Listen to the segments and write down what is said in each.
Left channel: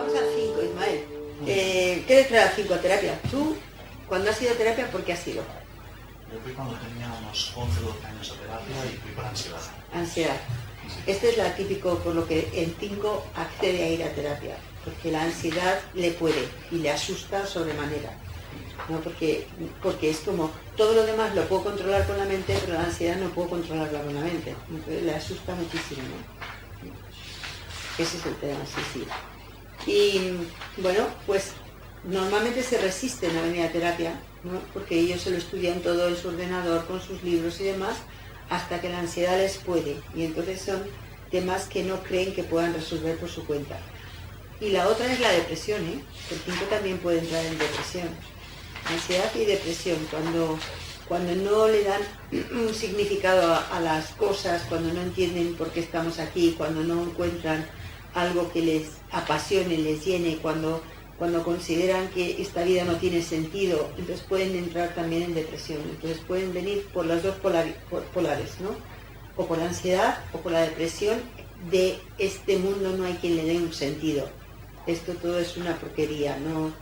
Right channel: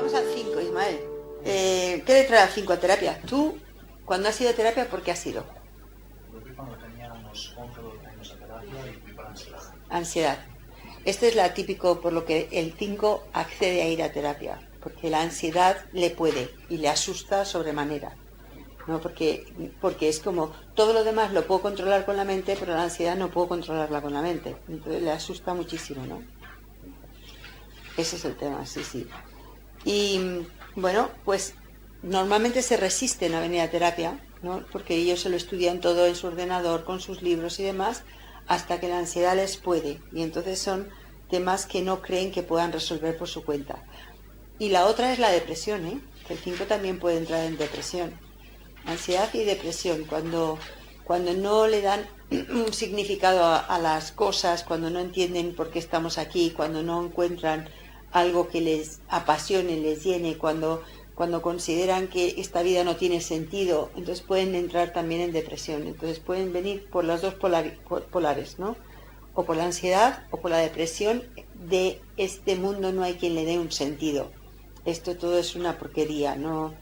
vamos al 5, Ismael. ¿Qué le trae al 5 a terapia? Tú, cuando has ido a terapia, ¿por qué has ido? Yo fui cuando tenía unos 11 o 12 años a terapia y fui por ansiedad. Ansiedad. Este es la típico por lo que el 5 accede a ir a terapia, porque la ansiedad le puede y le asusta sobremanera, ¿no? Porque es como todo lo demás lo puedo controlar con la mente, pero la ansiedad no puedo controlarla con la mente, entonces le asusta muchísimo, ¿no? Ese es el tema, sí, sí. Y bueno, pues normalmente se resisten a venir a terapia, ¿no? Porque ellos se lo estudian todo en su ordenador, con sus libros y demás, hasta que la ansiedad les puede. Y entonces son temas que no creen que puedan resolver por su cuenta. Y la otra es la depresión, ¿eh? El 5 también puede entrar en depresión. Ansiedad y depresión, cuando no le dan un significado a las cosas, cuando no entienden por qué estamos aquí, cuando no encuentran algo que les apasione, les llene, cuando consideran que esta vida no tiene sentido, entonces pueden entrar también en depresión. Entonces pueden venir por las dos polares, ¿no? O por la ansiedad o por la depresión de este mundo no hay quien le dé un sentido. Esto todo es una porquería, ¿no?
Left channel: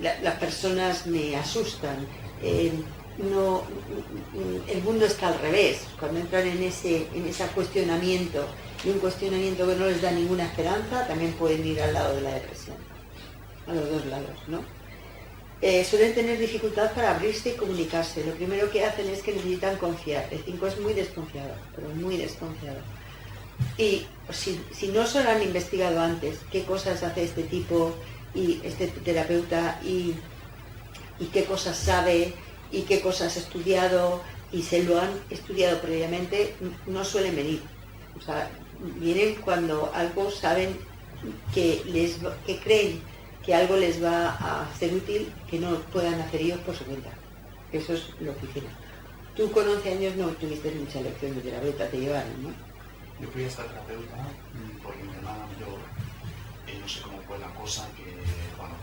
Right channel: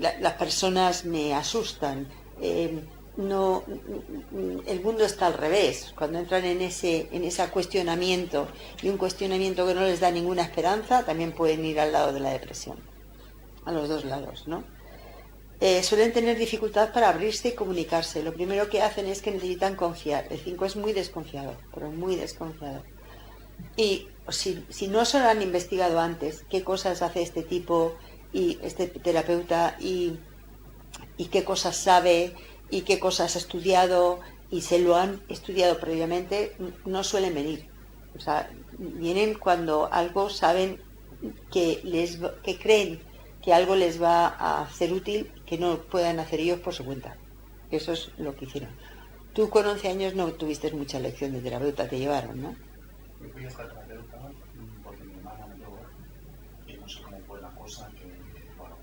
Las personas me asustan. No, el mundo está al revés. Cuando entran en ese cuestionamiento y un cuestionamiento que no les da ninguna esperanza, también pueden ir al lado de la depresión, a los dos lados, ¿no? Suelen tener dificultad para abrirse y comunicarse. Lo primero que hacen es que necesitan confiar. El 5 es muy desconfiado, pero muy desconfiado. Y si no se lo han investigado antes, qué cosas hace este tipo y este terapeuta y qué cosas sabe y qué cosas ha estudiado y se lo han estudiado previamente, no suelen venir. O sea, vienen cuando algo saben que creen que algo les va a ser útil que no puedan hacer ellos por su cuenta. Eso es lo que hicieron. Tú con 11 años no tuviste mucha elección de terapeuta, te llevaron, ¿no? Yo fui a esta terapeuta porque mi hermana mayor, no sé cómo fue la cosa, que, bueno,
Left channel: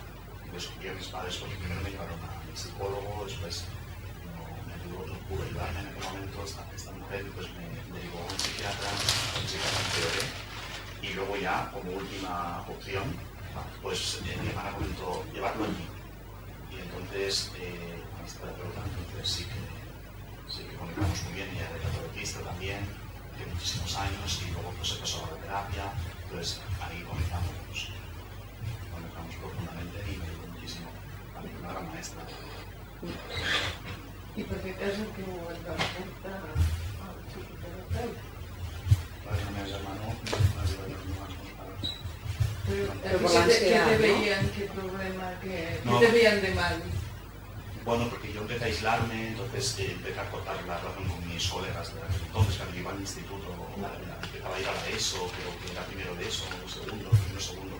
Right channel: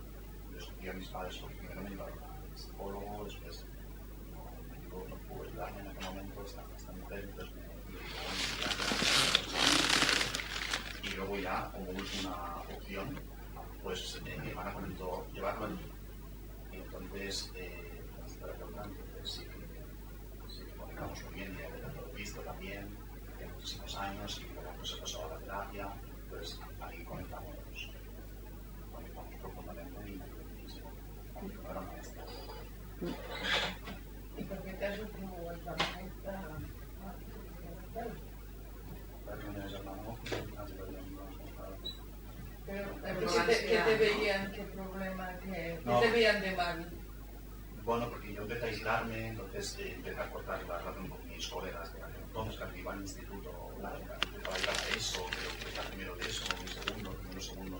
descubrí a mis padres porque primero me llevaron al psicólogo, después no me ayudó, no pudo ayudarme en aquel momento esta mujer, pues me derivó a un psiquiatra, y luego ya, como última opción, pues mi hermana comentó llevarlo allí. Y entonces, con esta terapeuta, entonces sí que conectamos muy bien, ella era terapeutista también, de muchísimos años, y luego pues se pasó a la terapia, entonces ahí conectamos profundamente y me ayudó muchísimo. A mí una gran maestra. ¿Y por qué te has inclinado la puerta al psicoterapeuta? Para que no me hermano, no has llevado ninguna palabras. Pero por la ansiedad, ¿qué te veían? ¿Qué problema? ¿Qué te veían de mal? Bueno, porque yo empecé a aislarme, entonces empecé a cortar la relación con mis colegas de aquel entonces, que iba al instituto, empezaba a ir a la ESO, creo que era primero de ESO, primero segundo.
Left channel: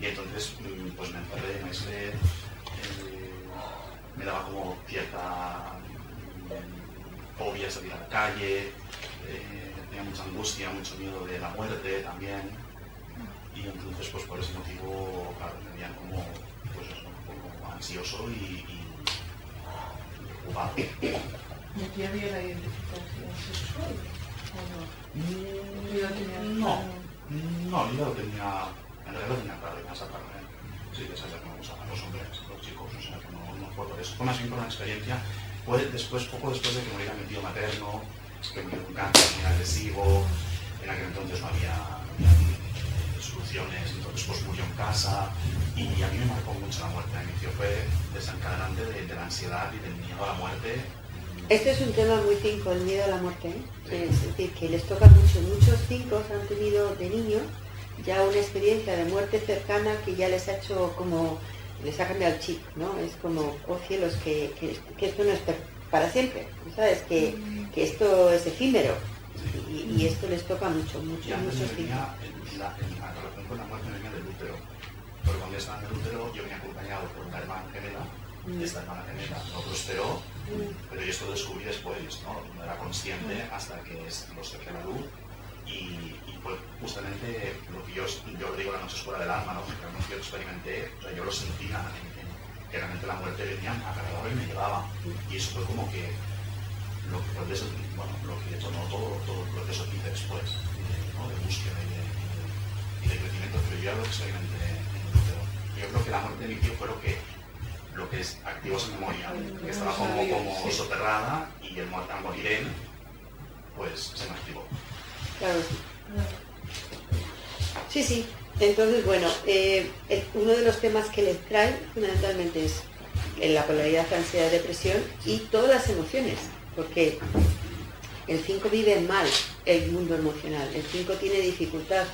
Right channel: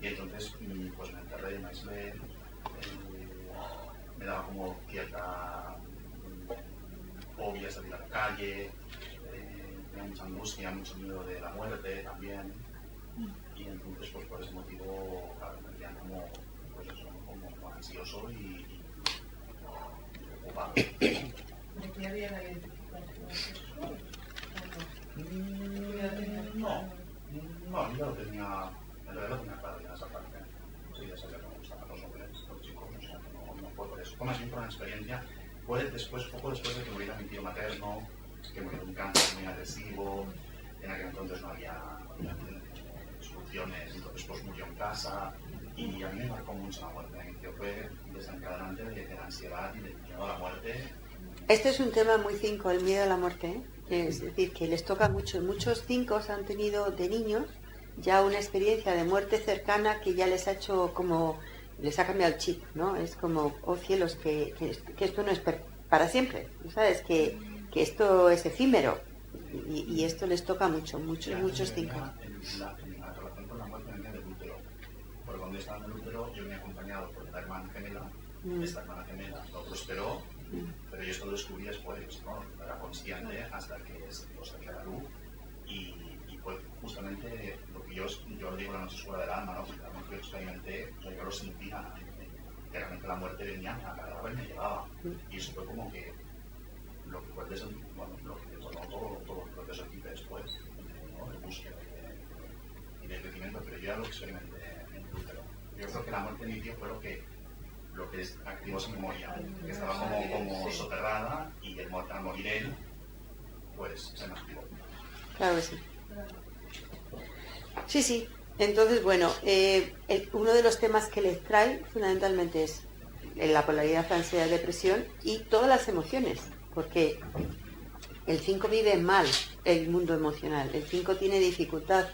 Y entonces pues me encerré, me aislé, me daba como cierta fobia salir a la calle, tenía mucha angustia, mucho miedo de la muerte también. Y entonces pues por ese motivo, claro, me veían como, pues eso, como ansioso y preocupado. ¿Y aquí había la identificación sexual o no? No, yo lo tenía, en realidad lo tenía claro, ya sabía, sí, ya sabía que me gustaban los hombres, los chicos, o sea que no fue por eso. Fue más bien por una experiencia, fue poco después de que muriera mi tío materno, que murió de un cáncer muy agresivo, en aquel entonces no había soluciones, entonces pues murió en casa y a mí me marcó mucho la muerte. Mi tío fue desencadenante de la ansiedad y del miedo a la muerte. Este es un tema muy 5, el miedo a la muerte, ¿eh? Es decir, que les toca mucho. Muchos 5 han tenido de niños ya una experiencia de muerte cercana que ya les ha hecho como, les ha cambiado el chip, ¿no? Es como, oh cielos, que esto no es para siempre, ¿sabes? Que esto es efímero y esto les toca muchos 5. La relación con la muerte venía del útero, porque cuando yo estaba en el útero yo venía acompañado por una hermana gemela, esta hermana gemela no prosperó, pero yo esto lo descubrí después, no era consciente hasta que lo saqué a la luz y fue justamente lo que yo le digo la noche oscura del alma, ¿no? Porque realmente yo lo experimenté, o sea, yo lo sentía, que realmente la muerte venía, me agarraba y me llevaba, y eso fue como que lo que fue lo que detonó todo el proceso que hice después, de búsqueda y de crecimiento, pero yo ya lo experimenté en el útero. yo creo que la muerte de mi tío fue lo que activó su memoria, que estaba como soterrada, y al morir él, pues se me activó. Claro, sí. Sí, sí. Entonces, bueno, uno de los temas que les trae fundamentalmente es en la polaridad, ansiedad, depresión y todas las emociones, porque el 5 vive mal el mundo emocional, el 5 tiene dificultad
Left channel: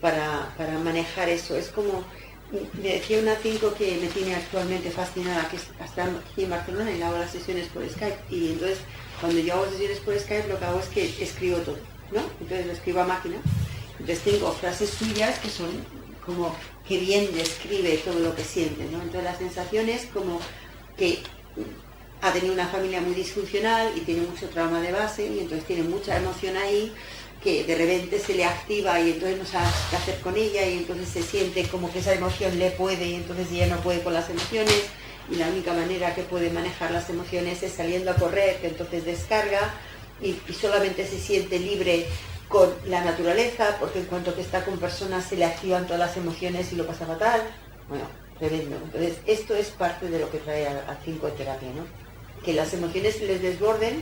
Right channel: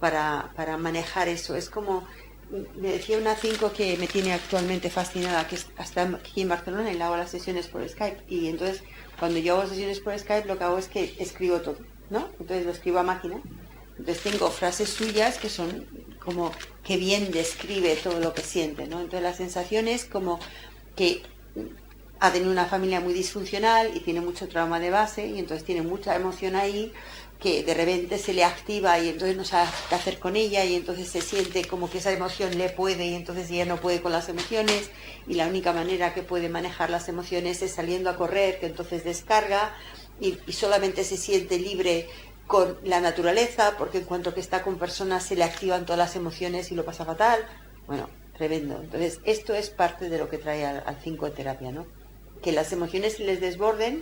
para manejar eso. Es como, me decía una 5 que me tiene actualmente fascinada, que está aquí en Barcelona y le hago las sesiones por Skype, y entonces cuando yo hago sesiones por Skype lo que hago es que escribo todo, ¿no? Entonces lo escribo a máquina. Entonces tengo frases suyas que son como que bien describe todo lo que siente, ¿no? Entonces la sensación es como que ha tenido una familia muy disfuncional y tiene mucho trauma de base, y entonces tiene mucha emoción ahí que de repente se le activa y entonces no sabe qué hacer con ella, y entonces se siente como que esa emoción le puede y entonces ella no puede con las emociones, y la única manera que puede manejar las emociones es saliendo a correr, que entonces descarga y solamente se siente libre con la naturaleza, porque en cuanto que está con personas se le activan todas las emociones y lo pasa fatal. Bueno, tremendo. Entonces esto es parte de lo que trae al 5 de terapia, ¿no? Que las emociones les desborden,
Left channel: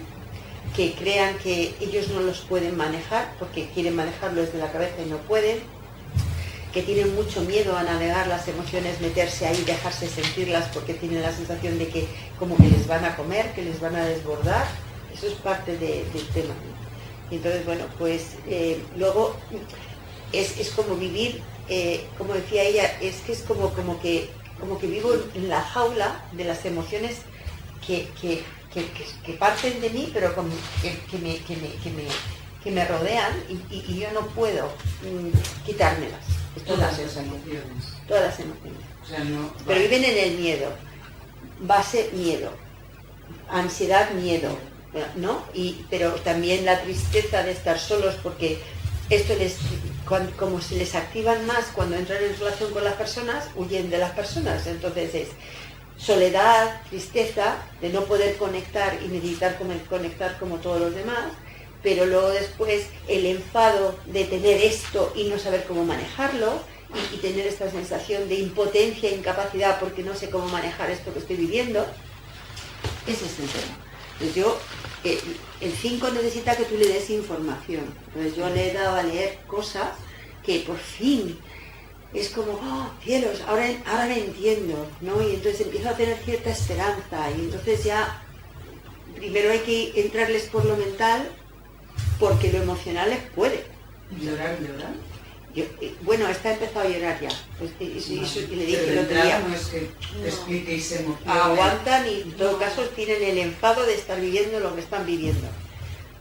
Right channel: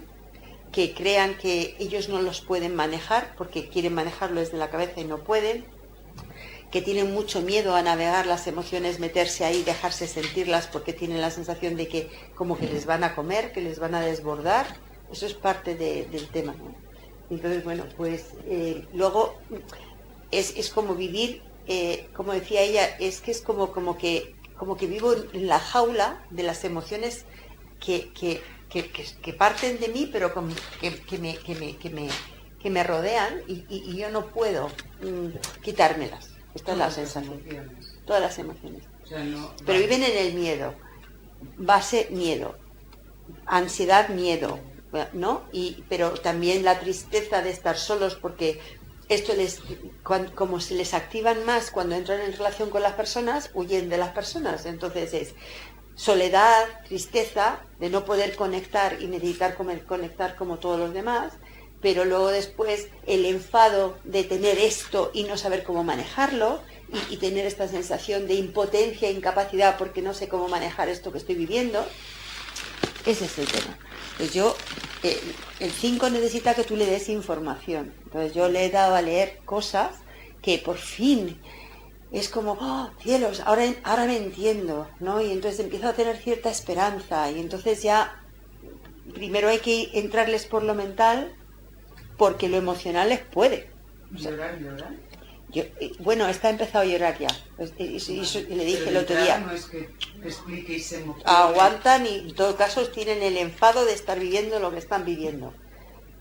que crean que ellos no los pueden manejar porque quieren manejarlo desde la cabeza y no pueden, que tienen mucho miedo a navegar las emociones, meterse ahí, dejarse sentirlas porque tienen la sensación de que como que les van a comer, que les van a desbordar. Eso es parte del tema, ¿no? Y entonces, bueno, pues luego es como vivir, como decía ella, es que es como que vivo en la jaula de las emociones que parten de mí, pero como que me rodean y yo no puedo quitármelas. Esta es la sensación. Todas las emociones. O sea, no, pero viven en el miedo. Base, miedo. Ansiedad, miedo. ¿No? Pero también la tristeza de estar solos, porque esto como se les activan más cuando entran en relación con las personas, huyen de las personas. Entonces es soledad, tristeza de no poder conectar y necesitar conectar como todos los demás, pero luego después el enfado de tener esto y no saber cómo manejarlo, y tener esta sensación de impotencia e incapacidad porque no sé cómo manejar esto que estoy viviendo. Ese es el tema. Entonces el 5 necesita que tú le des información. Entonces yo le he dado a leer cosas que por fin es como, oh, cielos, ahora me entiendo, ¿no? Y entonces empiezo a tener cierta esperanza, y entonces ya primero hay que entrarles por lo mental, porque lo emocional les puede. ¿Llorar? Bueno, esta ha empezado a llorar ya. Pues, eso que le dije el otro día. No es que te explique y se emocione. Aguantan y en todo caso tienen el enfado de estar viviendo lo que están viviendo.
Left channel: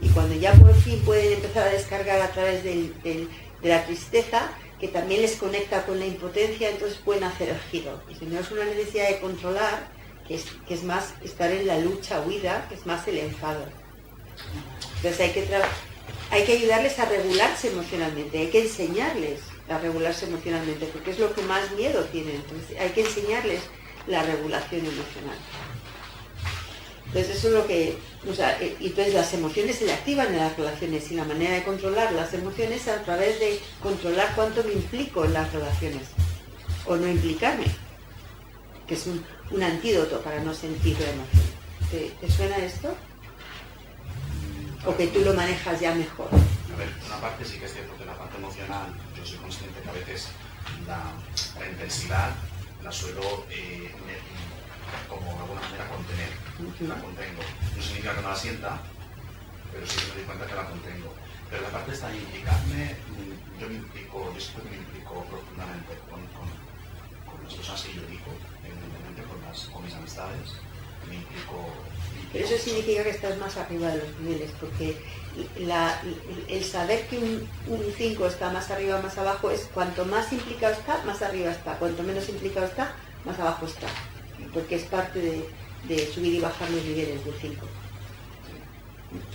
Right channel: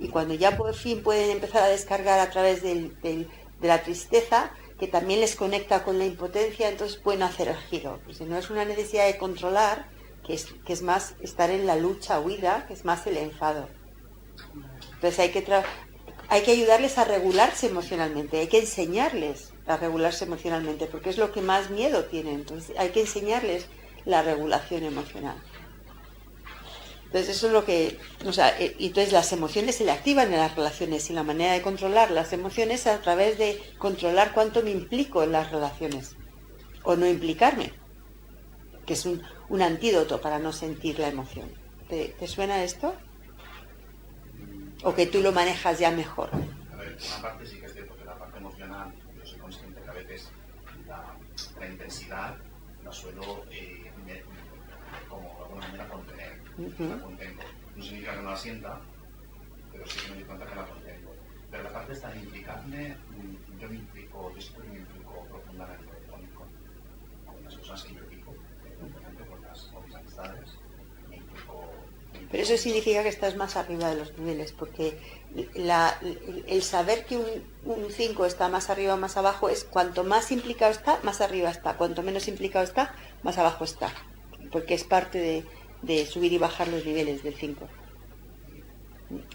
Y cuando ya por fin pueden empezar a descargar a través de la tristeza, que también les conecta con la impotencia, entonces pueden hacer el giro. Y si no es una necesidad de controlar, que es más estar en la lucha, huida, que es más el enfado. Entonces hay que ayudarles a regularse emocionalmente, hay que enseñarles a regularse emocionalmente, porque es lo que más miedo tienen. Entonces hay que enseñarles la regulación emocional. Entonces eso es lo que, y entonces las emociones se le activan en las relaciones, y la manera de controlar las emociones es a través de controlar cuánto me implico en las relaciones, o no implicarme, que es un antídoto para no sentir la emoción. ¿Te suena esto? ¿O que tú lo manejas ya mejor? A ver, una parte sí que es cierto que la parte emocional, yo soy consciente que a veces la intensidad la suelo como de alguna manera contener, la contengo. No significa que no la sienta, pero sí que me doy cuenta que la contengo. Pero la parte está de implicarme, yo siempre me implico profundamente con las personas que yo digo, evidentemente con mis amistades, me implico. Pero eso significa que estás más arriba de los niveles, porque el saber que un 5 está más arriba o más abajo es cuanto más implicado está, más arriba está, cuanto menos implicado está, más abajo está, porque es parte de subir y bajar los niveles del 5.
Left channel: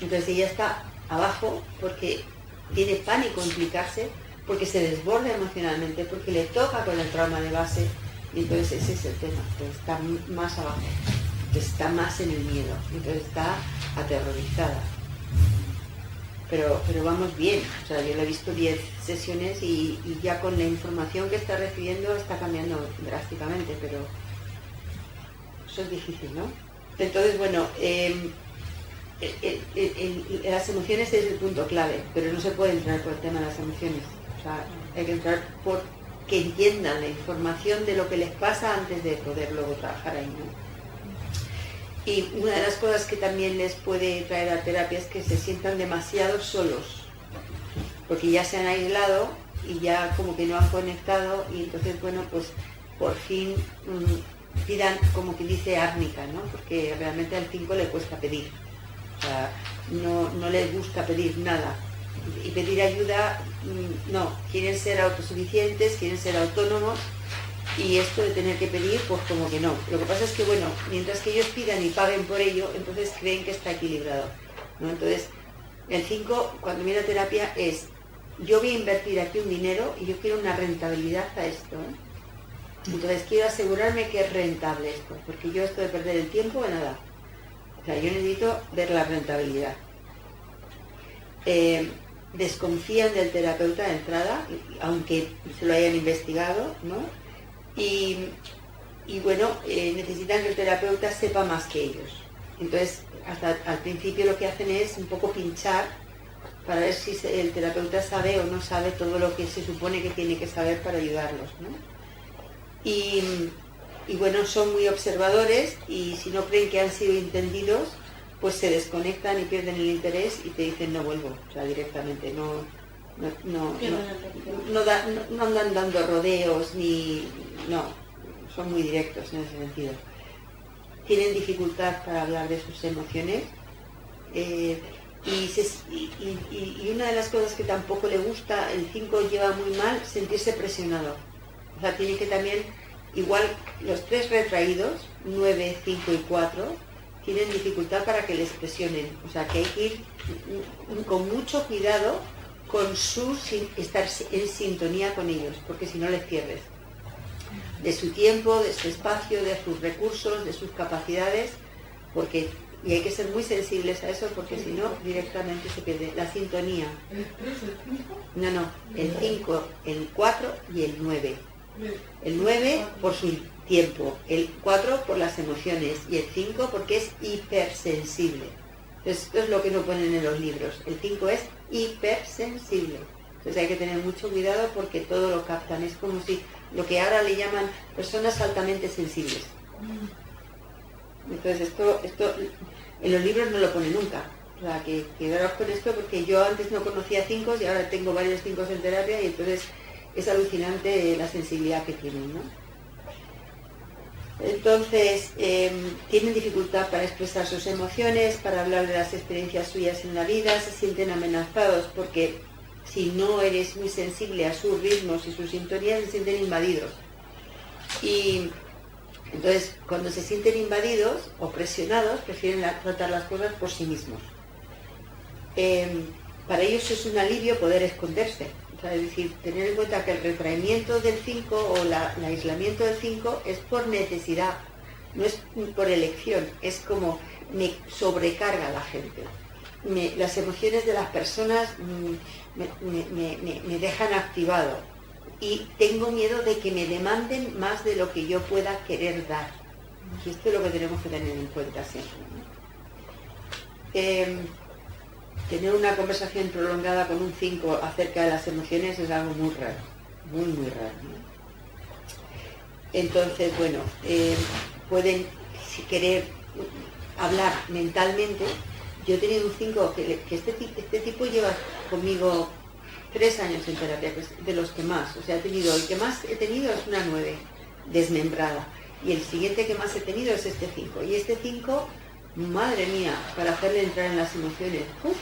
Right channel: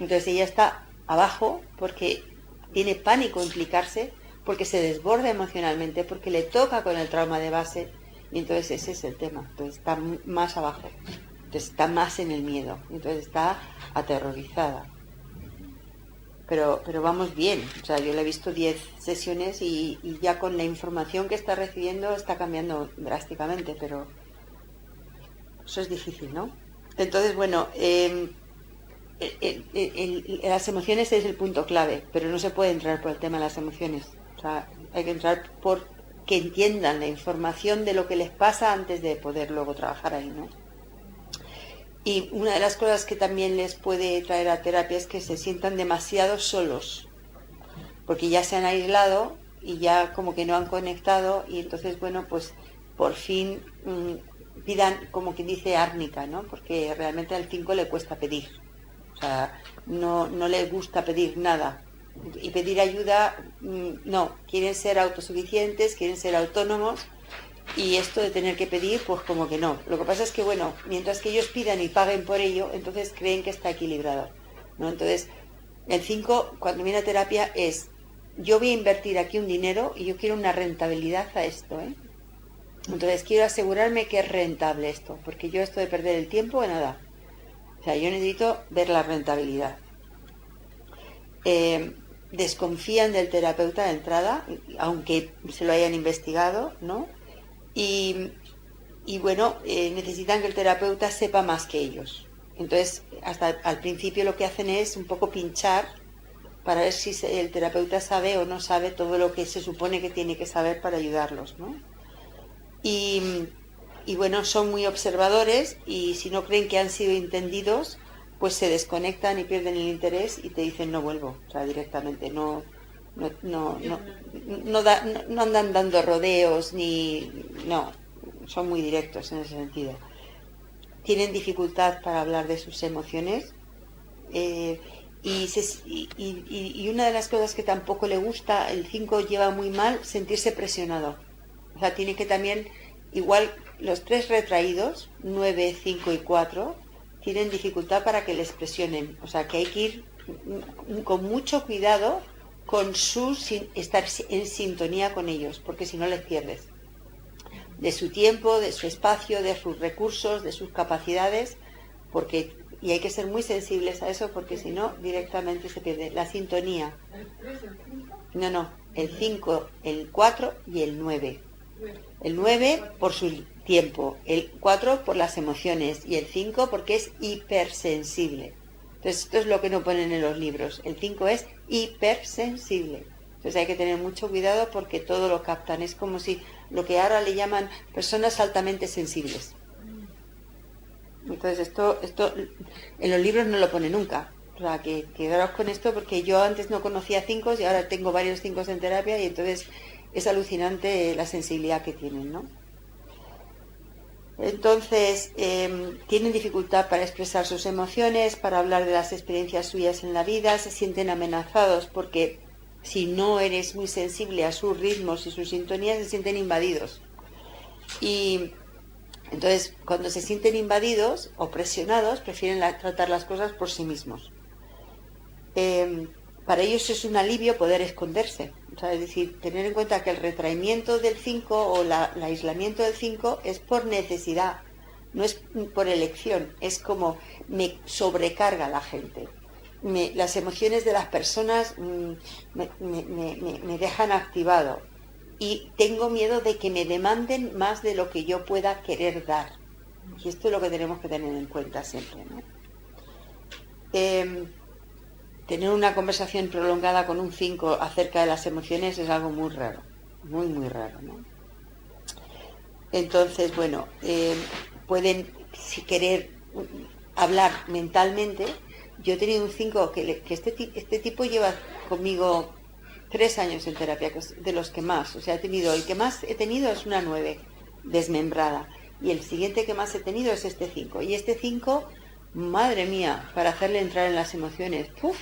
Entonces ella está abajo porque tiene pánico implicarse, porque se desborda emocionalmente, porque le toca con el trauma de base, y entonces ese es el tema. Entonces está más abajo, entonces está más en el miedo, entonces está aterrorizada. pero vamos bien. O sea, yo le he visto 10 sesiones y ya con la información que está recibiendo está cambiando drásticamente, pero eso es difícil, ¿no? Entonces, bueno, las emociones es el punto clave, pero no se puede entrar por el tema de las emociones. O sea, hay que entrar por que entiendan la información de lo que les pasa antes de poder luego trabajar ahí, ¿no? Y una de las cosas que también les puede traer a terapia es que se sientan demasiado solos, porque ya se han aislado y ya como que no han conectado, y entonces, bueno, pues por fin pidan, como que dice árnica, ¿no? Porque realmente al 5 le cuesta pedir, o sea, no les gusta pedir nada. Y pedir ayuda, no, quieren ser autosuficientes, quieren ser autónomos, y esto de tener que pedir, pues como que no. Lo que pasa es que, bueno, mientras que ellos pidan y paguen por ello, entonces creen que está equilibrado, ¿no? Entonces, el 5, cuando viene a terapia, es, yo voy a invertir aquí un dinero y yo quiero una rentabilidad a esto, ¿eh? Entonces, quiero asegurarme que es rentable esto, porque yo esto de perder el tiempo, nada. O sea, yo necesito ver la rentabilidad. Desconfían del terapeuta de entrada, aunque se lo hayan investigado, ¿no? Y bueno, necesitan que el terapeuta sepa más que ellos. Entonces, hasta al principio lo que hacen es un poco pinchar para ver si el terapeuta sabe o no sabe todo lo que se supone que tiene que saber para ayudarlos, ¿no? Y bueno, son muy observadores, y si no creen que han sido entendidos, pues se desconectan y pierden el interés y te dicen no vuelvo, o sea, directamente, no andan dando rodeos, no, son muy directos en ese sentido. Tienen dificultad para hablar de sus emociones, y una de las cosas que tampoco le gusta, el 5 lleva muy mal sentirse presionado. O sea, tienen que también, igual los 3 retraídos, 9, 5 y 4, tienen dificultad para que les presionen. O sea, que hay que ir con mucho cuidado con estar en sintonía con ellos, porque si no les pierdes. De su tiempo, de su espacio, de sus recursos, de sus capacidades, y hay que ser muy sensibles a eso, porque si no, directamente se pierde la sintonía. ¿El 3, el 5? No, el 5, el 4 y el 9. El 9 por su tiempo, el 4 por las emociones y el 5 porque es hipersensible. Entonces, esto es lo que no ponen en los libros. El 5 es hipersensible. Entonces hay que tener mucho cuidado porque todo lo captan. Es como si lo que ahora le llaman personas altamente sensibles. Entonces esto en los libros no lo pone nunca. O sea, que quedaros con esto, porque yo antes no conocía 5 y ahora tengo varios 5 en terapia, y entonces es alucinante la sensibilidad que tienen, ¿no? Entonces, tienen dificultad para expresar sus emociones, para hablar de las experiencias suyas en la vida, se sienten amenazados porque si no eres muy sensible a sus ritmos y sus sintonías, se sienten invadidos. Y entonces, cuando se sienten invadidos o presionados, prefieren tratar las cosas por sí mismos. Para ellos es un alivio poder esconderse. O sea, es decir, tener en cuenta que el retraimiento del 5 o el aislamiento del 5 es por necesidad, no es por elección, es como me sobrecarga la gente. Las emociones de las personas me dejan activado y tengo miedo de que me demanden más de lo que yo pueda querer dar. Y esto es lo que tenemos que tener en cuenta siempre, ¿no? Tener una conversación prolongada con un 5 acerca de las emociones es algo muy raro, muy, muy raro, ¿no? Entonces, bueno, pueden, si querer hablar mentalmente. Yo he tenido un 5 que este tipo lleva conmigo 3 años en terapia, que es de los que más, o sea, el que más he tenido es una 9, desmembrada, y el siguiente que más he tenido es este 5, y este 5, madre mía, para hacerle entrar en las emociones, ¡uf!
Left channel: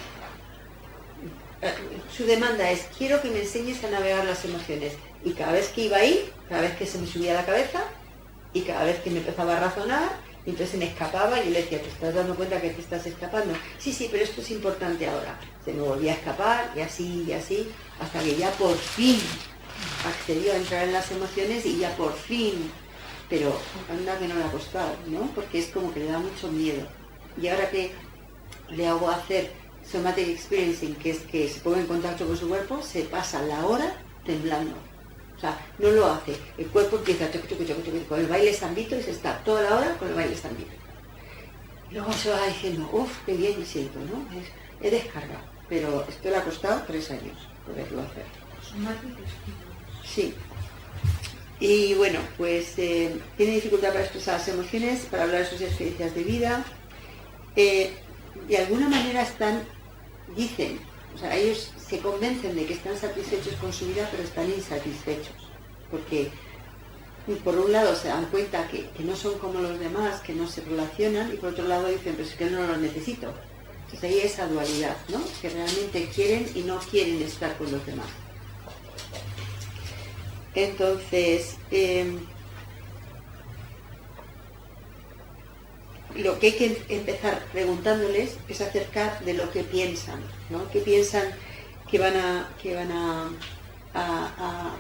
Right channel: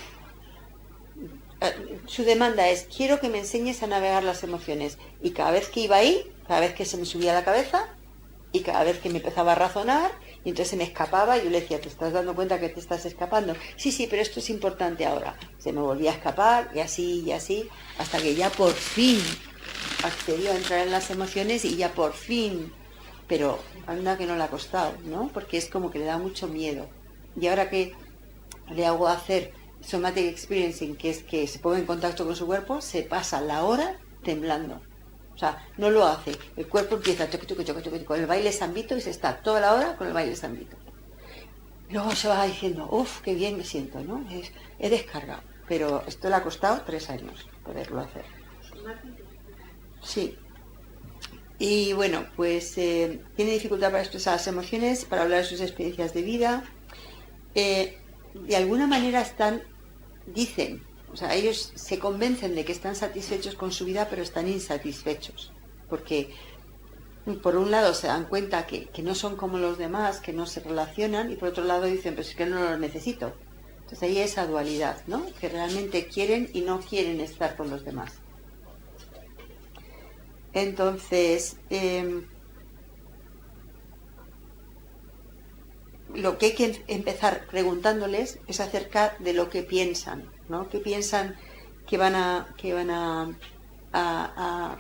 Su demanda es, quiero que me enseñes a navegar las emociones, y cada vez que iba ahí, cada vez que se me subía a la cabeza, y cada vez que me empezaba a razonar, y entonces se me escapaba, y yo le decía, ¿te estás dando cuenta que te estás escapando? Sí, pero esto es importante ahora. Se me volvía a escapar, y así, hasta que ya por fin accedió a entrar en las emociones, y ya por fin, pero anda que no le ha costado, ¿no? Porque es como que le da mucho miedo. Y ahora que le hago hacer somatic experiencing, que es que se pone en contacto con su cuerpo, se pasa la hora temblando. O sea, no lo hace. El cuerpo empieza con el baile zambito y se está toda la hora con el baile zambito. Luego se va diciendo, uff, qué bien me siento, ¿no? He descargado. Pero esto le ha costado 3 años poderlo hacer. Sí. Y bueno, pues tiene dificultad para expresar las emociones, para hablar de sus experiencias de vida. De alguna manera dicen, o sea, ellos se convencen de que están satisfechos con su vida, pero están insatisfechos. Porque por un lado se dan cuenta que no son como los demás, que no se relacionan, y por otro lado dicen, pues es que no lo necesito. Entonces ahí esa dualidad, ¿no? Que realmente quieren y no quieren estar con los demás. Entonces, lo que hay que empezar preguntándoles es acerca de lo que piensan, ¿no? ¿Qué piensan que van a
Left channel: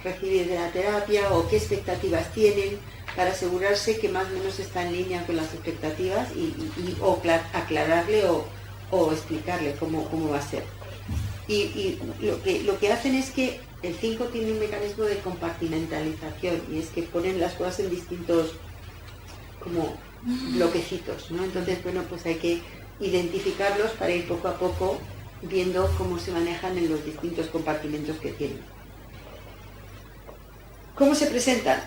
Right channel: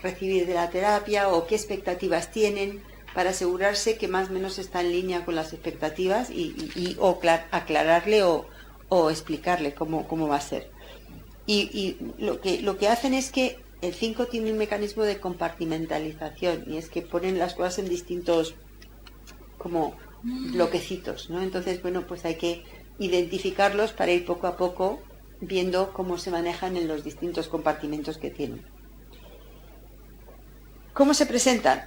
recibir de la terapia, o qué expectativas tienen, para asegurarse que más o menos está en línea con las expectativas o aclararle o explicarle cómo va a ser. Y lo que hacen es que el 5 tiene un mecanismo de compartimentalización, y es que ponen las cosas en distintos como bloquecitos, ¿no? Entonces, bueno, pues hay que identificarlos para ir poco a poco viendo cómo se manejan en los distintos compartimentos que tienen. ¿Cómo se presentan?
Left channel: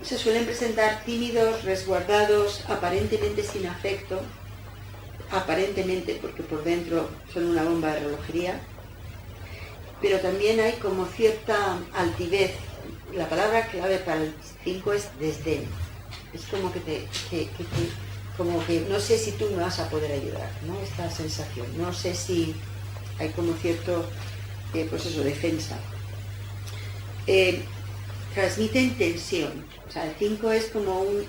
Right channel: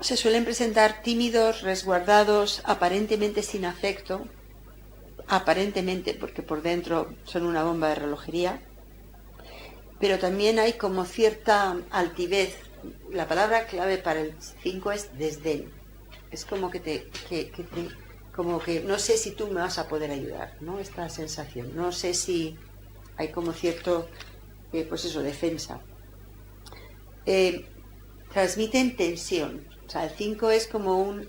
Se suelen presentar tímidos, resguardados, aparentemente sin afecto, aparentemente porque por dentro son una bomba de relojería, pero también hay como cierta altivez. La palabra clave para el 5 es desdén. Es como como que no sé si tú me vas a poder ayudar, ¿no? Esta sensación. No sé si hay como cierto, pues eso, defensa. Transmiten tensión. O sea, el 5 es como un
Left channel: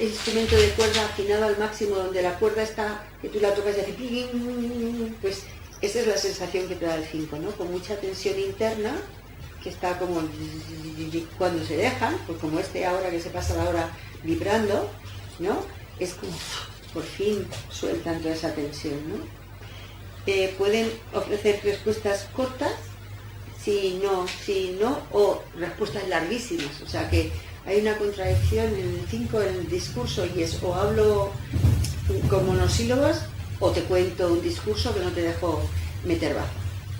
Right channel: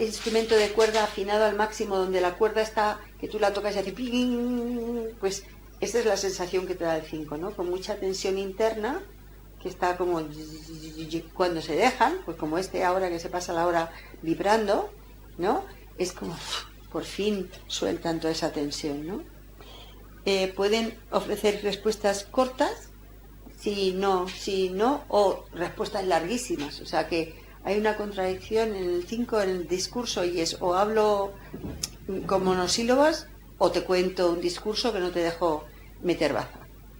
instrumento de cuerda afinado al máximo, donde la cuerda está, que tú la tocas y hace ping, pues esa es la sensación que te da el 5, ¿no? Con mucha tensión interna, que está como cuando se dejan, pues como ahora que se pasa la hora vibrando, ¿no? Es como por fin sueltan toda esa tensión, ¿no? Pueden ofrecer respuestas cortas, sí, no, o respuestas larguísimas. O sea que hay una contradicción en el 5 en el discurso, y es o hablo con monosílabos o te cuento un discurso que no te dejo meter baza.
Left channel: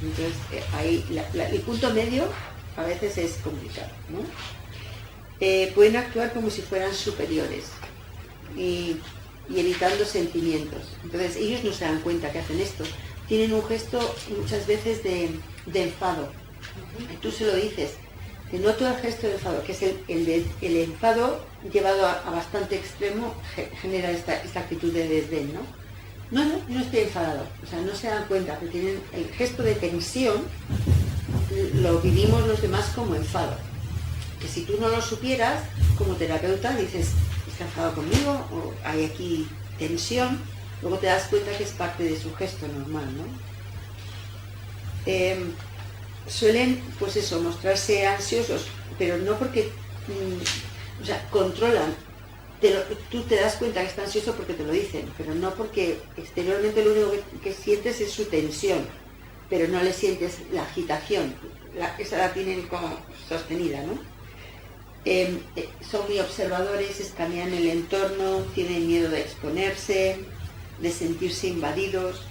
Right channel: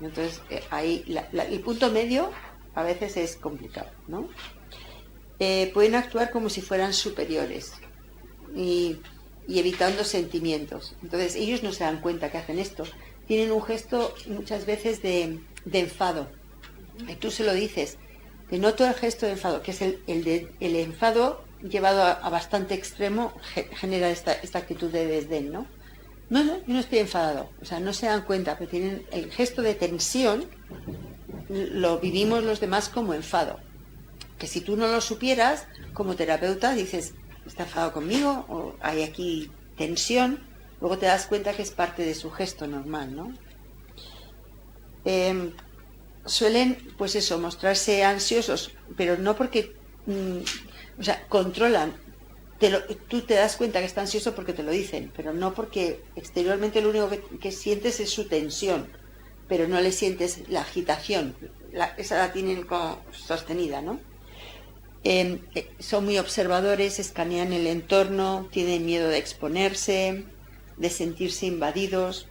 Entonces ahí el punto medio a veces es complicado, ¿no? Pueden actuar como si fueran superiores y evitando sentimientos. Entonces ellos no se dan cuenta que hacen esto. Tienen un gesto muchas veces de enfado. Y tú se lo dices, te noto el gesto de enfado, que es el enfado llevado a bastante extremo, genera esta actitud de desdén, ¿no? No, yo no estoy enfadado. O sea, no se dan cuenta, pero tienen el gesto de tensión, lo vivimos los demás como enfado. Que si tú no lo supieras, como terapeuta, dices, ¿está enfadado conmigo? O hay aquí tensión. Luego te das cuenta que es parte de su gesto normal, ¿no? Suelen, pues eso, mostrarse ansiosos, pero no porque, o sea, controlan. Tú te das cuenta que está ansioso porque te lo dicen, pero no porque exteriormente lo único que sientes es su tensión, pero no le sientes la agitación, esa la tienen como sostenida, ¿no? Son muy observadores, escanean el entorno, tienen miedo de exponerse, de sentirse invadidos.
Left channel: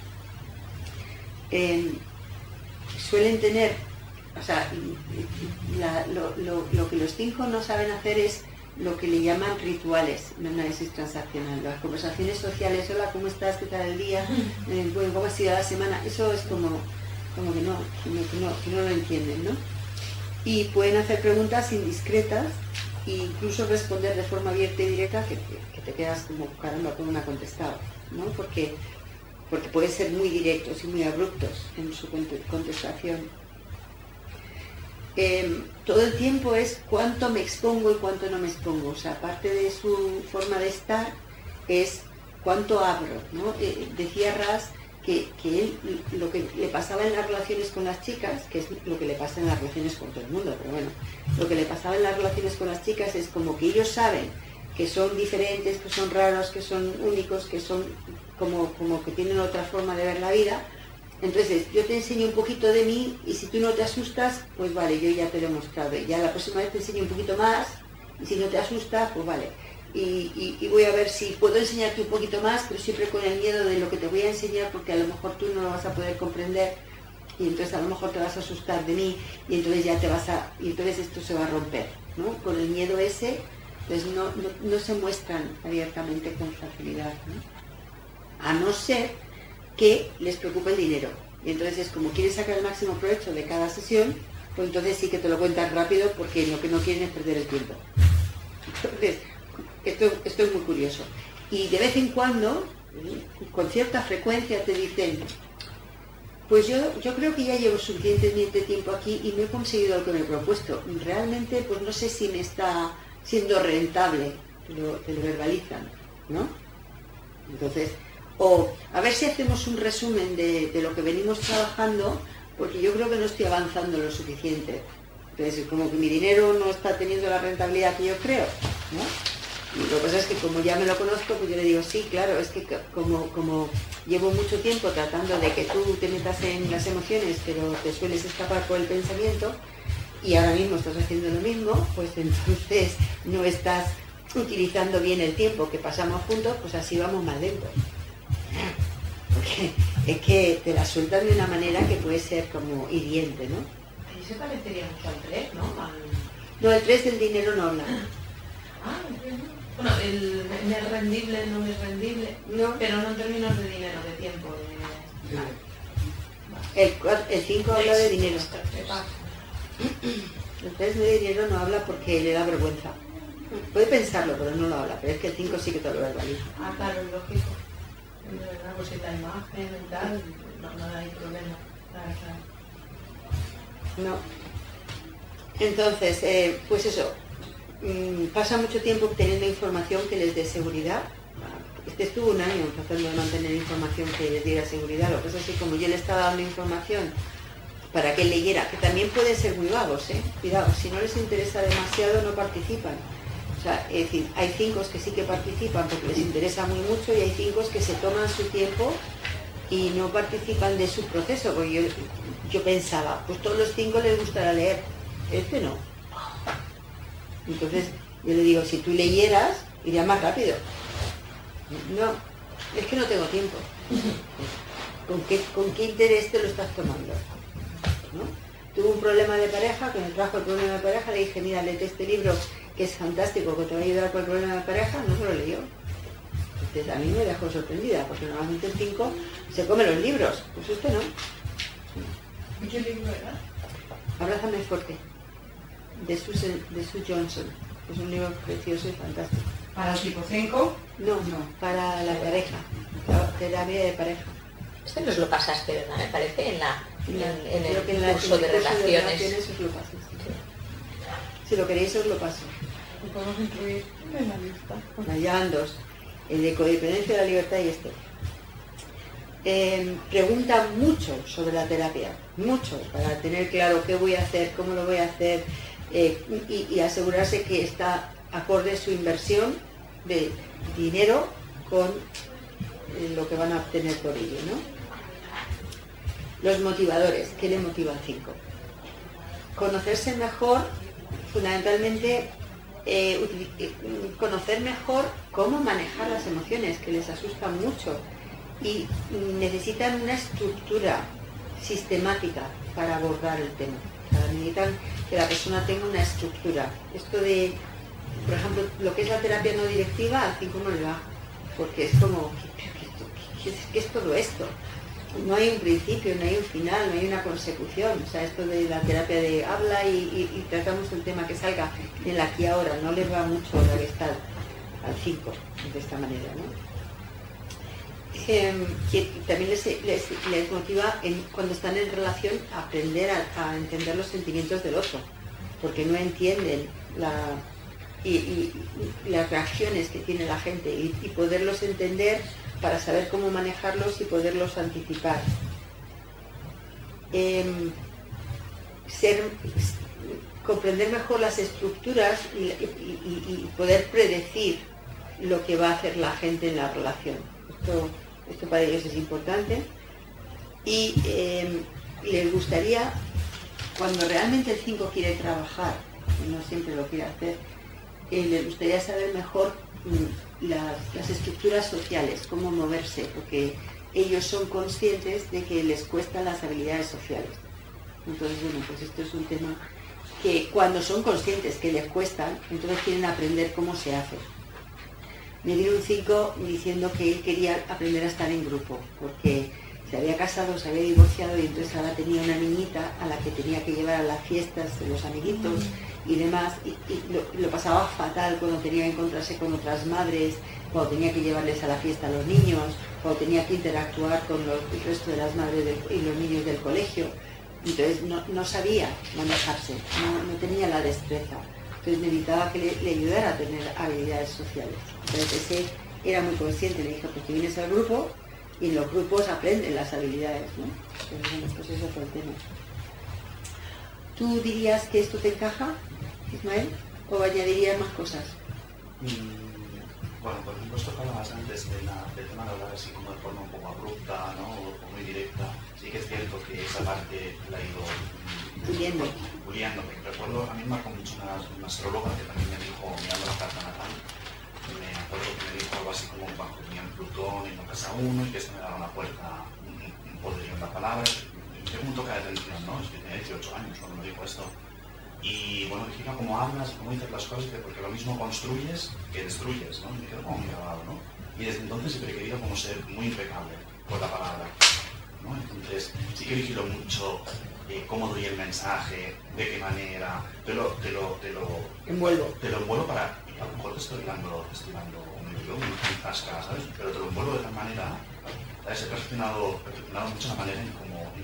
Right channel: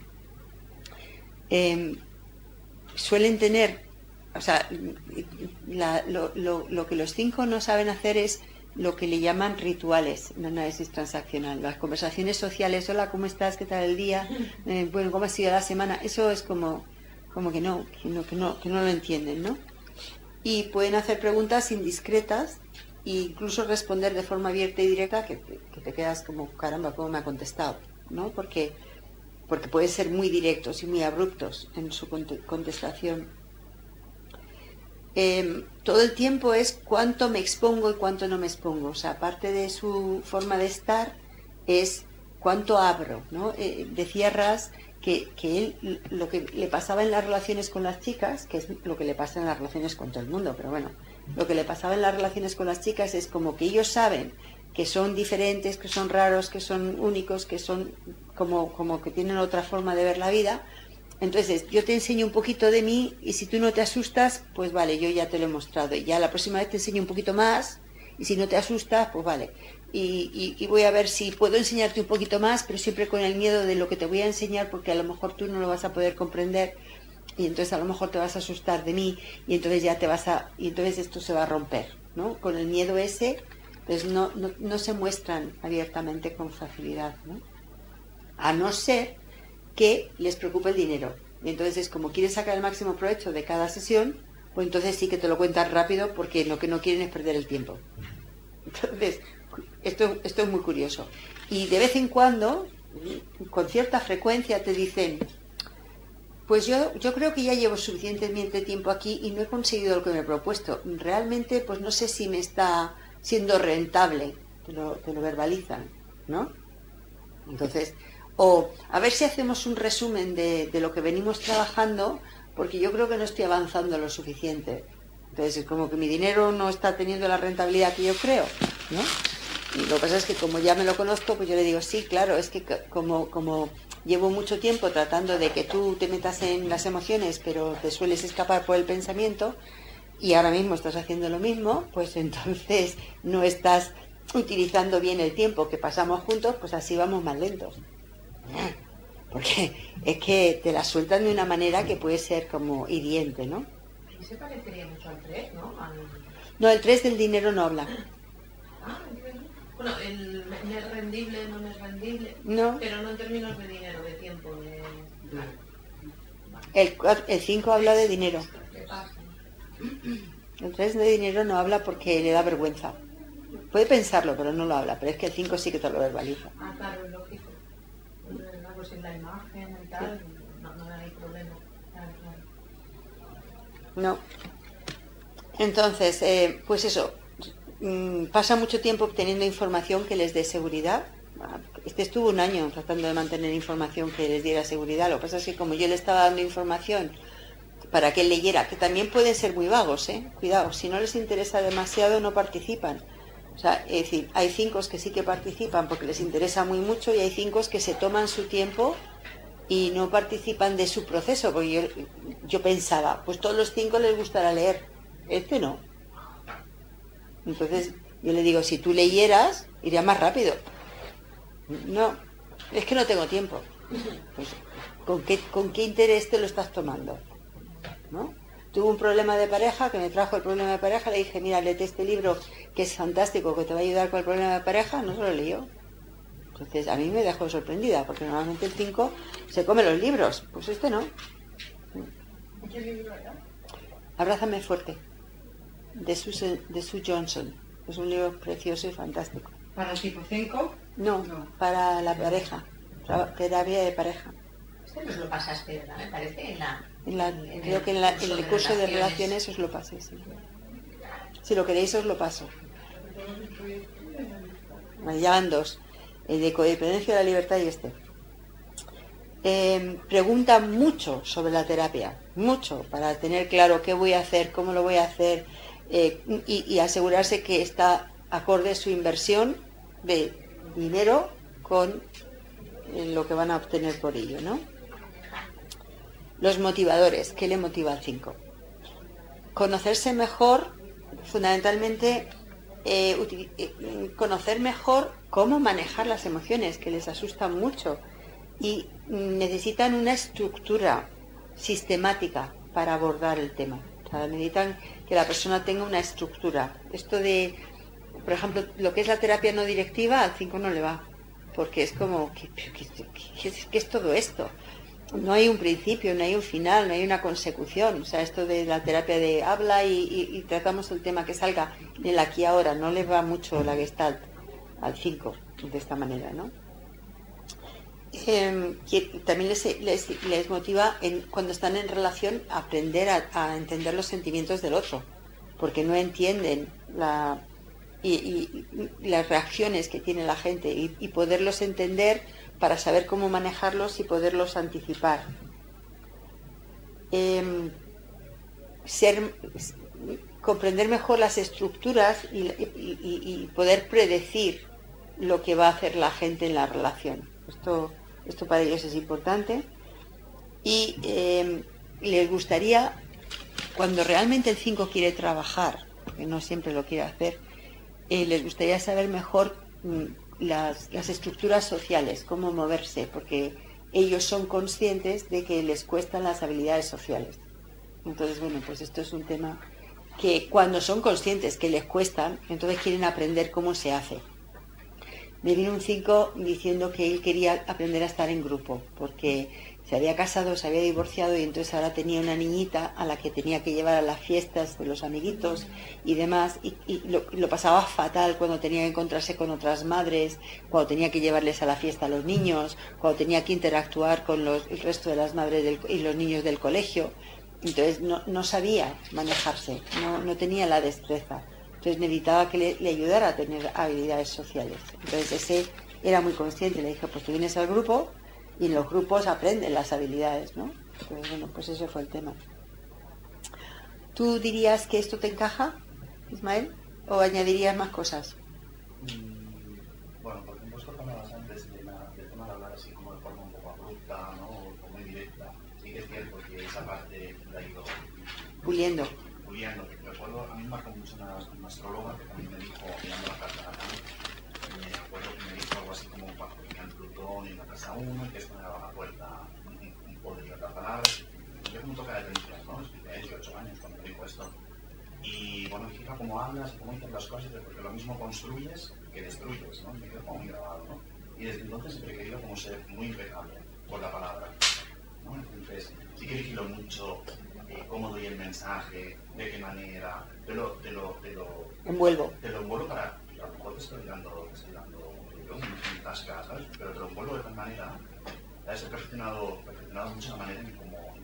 Suelen tener, o sea, lo que los 5 no saben hacer es lo que le llaman rituales en análisis transaccional. Las conversaciones sociales, hola, ¿cómo estás? ¿Qué tal el día? Bueno, ¿cómo ha sido la semana? Eso es como que no lo entienden, ¿no? Y pueden hacer preguntas indiscretas e incluso responder de forma abierta y directa que te quedas como, caramba, ¿cómo me ha contestado? ¿No? Porque pueden ser muy directos y muy abruptos en su contestación. Todo el tiempo es cuánto me expongo y cuánto no me expongo. O sea, parte de su forma de estar es cuánto abro, ¿no? Decía Ras que él, lo que le pasaba en las relaciones con las chicas, que es lo que le pasa en las relaciones con todo el mundo, pero bueno, lo que le pasaba en las relaciones con las chicas es como que ellos saben que son diferentes, que son raros, que son únicos, que son como que tienen otra forma de ver la vida. Entonces, yo te enseño un poquito de mí y si tú no te asustas, pues vale, yo ya te lo he mostrado. Y ya la próxima vez te enseño un poquito más y si no te asusta, pues vale. Y voy a ver si puedo enseñarte un poquito más, pero siempre con el miedo de lo que te voy a enseñar, porque a lo mejor tú no lo vas a poder comprender y entonces a lo mejor te vas a asustar de mí y entonces ya y entonces esto se va a romper, ¿no? Con el miedo ese, pues no se muestran abiertamente con facilidad, ¿no? A no ser que les preocupe el dinero. Y entonces es como quieren sacar el máximo provecho de cada sesión, pues entonces sí que te lo cuentan rápido porque lo que no quieren es perder el tiempo. Entonces, esto es muy curioso. Y de vez en cuando, con cierta frecuencia, te dicen, pues yo creo que ya llevo suficientemente tiempo aquí y no he conseguido lo que me he propuesto. Realmente, pues no sé si me está siendo rentable, te lo verbalizan, ¿no? Entonces, o a ver si hacemos un resumen de lo que venimos trabajando, porque yo creo que no estoy avanzando lo suficiente. Entonces, como que mi dinero no está teniendo la rentabilidad que yo creo, ¿no? Y lo que pasa es que como ya me lo conozco, pues yo le digo, sí, claro, es que como llevo mucho tiempo tratando de que tú te metas en las emociones, pero te sueles escapar por el pensamiento, y ahora mismo estás haciendo lo mismo, pues entonces no estás utilizando bien el tiempo que pasamos juntos, pues así vamos más lentos. Porque es que te la sueltan de una manera que puede ser como hiriente, ¿no? Ahí se parecería mucho al 3, ¿no? No, el 3 del dinero no habla. Ah, el 3 no. Bueno, el me es rendible, no me es rendible, No. pero no en términos de dinero, de tiempo. El 5 habla de dinero. El 3 de dinero no habla porque le da vergüenza. Puede pensarlo, pero no lo habla. Pero es que el 5 sí que te lo verbaliza. Ah, claro, es lógico. Pues en la imagen y tal, no hay problema. Claro. No. Entonces, pues eso. Pasa mucho tiempo obteniendo información que les dé seguridad. Estuvo un año tratando de mantener información que les diera seguridad. Lo que pasa es que como yo le estaba dando información para que él leyera, que también pueden ser muy vagos, cuidado, si no les interesa demasiado no participan. O sea, es decir, hay 5 que sí que participan porque les interesa muy mucho y hay 5 que se toman su tiempo y no participan de su proceso, porque yo pensaba, pues todos los 5 les gustará leer, este no. Entonces yo le digo, si tú leyeras, iría más rápido. No, es que no tengo tiempo. ¿Con qué interés te lo estás tomando? ¿No? Tuve un problema de pareja, que me trajo el problema de pareja, le dije, mira, léete este libro que es fantástico, que te va a ayudar con el problema de pareja, no se lo leyó. Entonces a mí me dejó sorprendida, porque normalmente el 5 se come los libros, pues este no. ¿Y qué libro era? Abrázame fuerte, de Sue Johnson. Es un libro precioso y fantástico. ¿Para el tipo 5? No, para la pareja, la terapia de pareja. Este nos lo pasaste, ¿verdad? Me parece, en Creo que en el curso de relaciones os lo paso. Sí. Si lo queréis os lo paso. Lo podemos incluir en la lista. Bueno, ya van 2. El de codependencia de la libertad y este. Pregunta mucho sobre la terapia, mucho, para tener claro qué voy a hacer, cómo lo voy a hacer y asegurarse que está acorde su inversión de dinero con lo que van a obtener por ello, ¿no? Los motivadores, ¿qué le motiva al 5? Conocerse mejor, fundamentalmente conocer mejor cómo manejar las emociones, que les asustan mucho y necesitan una estructura sistemática para abordar el tema. O sea, necesitan que la persona tenga una estructura. Esto de, por ejemplo, lo que es la terapia no directiva, al 5 no le va, porque es como, ¿qué es todo esto? No hay un principio, no hay un final, no hay una consecución. O sea, esto de la terapia de habla y tratamos el tema que salga en la aquí ahora, no le va mucho la Gestalt al 5 de esta manera, ¿no? Que también les motiva cuando están en relación a aprender a entender los sentimientos del otro, porque no entienden las reacciones que tiene la gente y poderlos entender para saber cómo manejarlos y poderlos anticipar. Comprender mejor las estructuras y poder predecir lo que va a hacer la gente en la relación. Esto esto para ellos es importante, y les gustaría, cuando realmente el 5 quiere trabajar, que no siempre lo quiere hacer, les gustaría saber mejor las estructuras sociales, cómo moverse, porque ellos son conscientes de que les cuestan las habilidades sociales. Entonces, bueno, pues esto es un tema que cuando son conscientes que les cuestan, entonces quieren aprender cómo se hace. Me vino un 5 diciendo que él quería aprender a estar en grupo, porque se había casado, se había divorciado y entonces ahora tenía una niñita a la que tenía que llevar a las fiestas de los amiguitos y demás, y lo pasaba fatal cuando tenía que encontrarse con otras madres, cuando tenía que llevarles a la fiesta a los niños, cuando tenía que interactuar con el resto de las madres y los niños del colegio. Entonces no sabía manejarse, no tenía la destreza. Entonces necesitaba que le ayudara a tener habilidades sociales. Entonces ese era muy consciente, le dije, pues tú vienes al grupo y en los grupos aprenden las habilidades, ¿no? Pero bueno, pues eso fue el tema. ¿Tú dirías que esto te encaja, Ismael? ¿O añadirías más cosas? Bueno, por ejemplo, esto que hablabas antes del tema de hablar así como de forma un poco abrupta, ¿no? O muy directa. Sí que es cierto que esa parte la he ido Puliendo. Que recuerdo, a mí me marcó mucho una astróloga que también me dijo, mirando la carta natal, me acuerdo que me dijo algo así como cuando tenían Plutón en la casa 1 y que esto me daba una puerta, un poderío en la palabra. Me dio un toque de atención, ¿no? Es que tenía 18 años cuando me dijo esto. Y bueno, me fija cómo hablas, cómo dices las cosas, porque lo mismo construyes que destruyes, ¿no? Y me quedo como muy grabado, ¿no? Y desde entonces siempre he querido como ser muy impecable por la palabra, ¿no? Entonces sí que vigilo mucho cómo doy el mensaje, de qué manera, te lo envuelvo para, y a lo mejor te estoy dando un tasca, ¿sabes? Pero te lo envuelvo de tal manera, ¿sabes? He perfeccionado mucho la manera en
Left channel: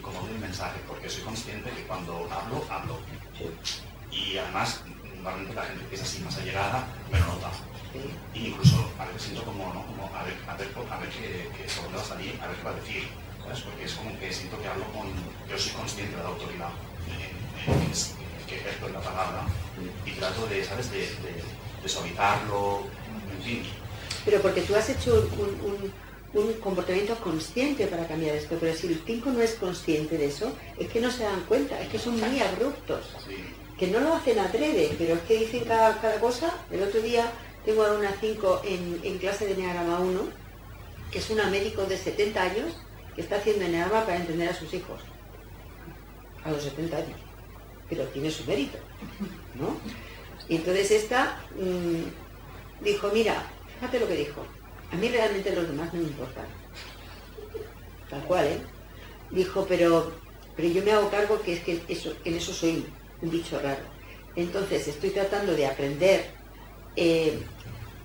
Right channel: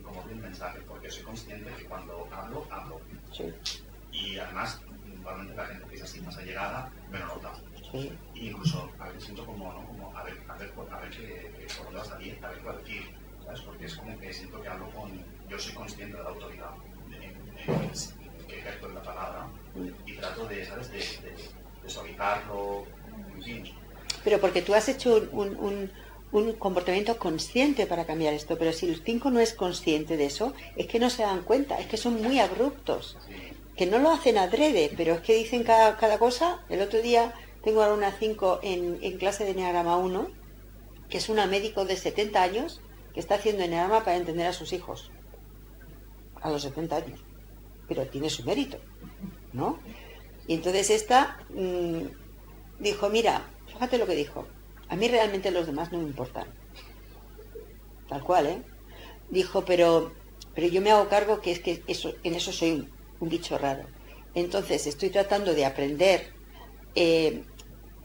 cómo doy el mensaje, porque soy consciente que cuando hablo. Sí. Y además, normalmente la gente que es así más allegada me lo nota. Sí. Y incluso a veces siento como, ¿no? Como a ver qué sobre va a salir, a ver qué va a decir, ¿sabes? Porque es como que siento que yo soy consciente de la autoridad que ejerzo en la palabra y trato de, ¿sabes? De suavizarlo, en fin. Pero porque tú has hecho un comportamiento consciente para cambiar esto, pero si el 5 no es consciente de eso, es que no se dan cuenta, es que son muy abruptos, Sí. que no lo hacen adrede, pero es que dicen cada cosa. El otro día tengo ahora una 5 en clase de Enneagrama 1, que es una médico de 70 años, que está haciendo Enneagrama para entender a sus hijos, a los 70 años, pero tiene su mérito, ¿no? Y entonces esta dijo, mira, fíjate lo que dijo, a mí realmente los demás no me importan, tal cual, ¿eh? Dijo, pero yo me hago cargo que es que en eso soy un bicho raro. Entonces estoy tratando de aprender,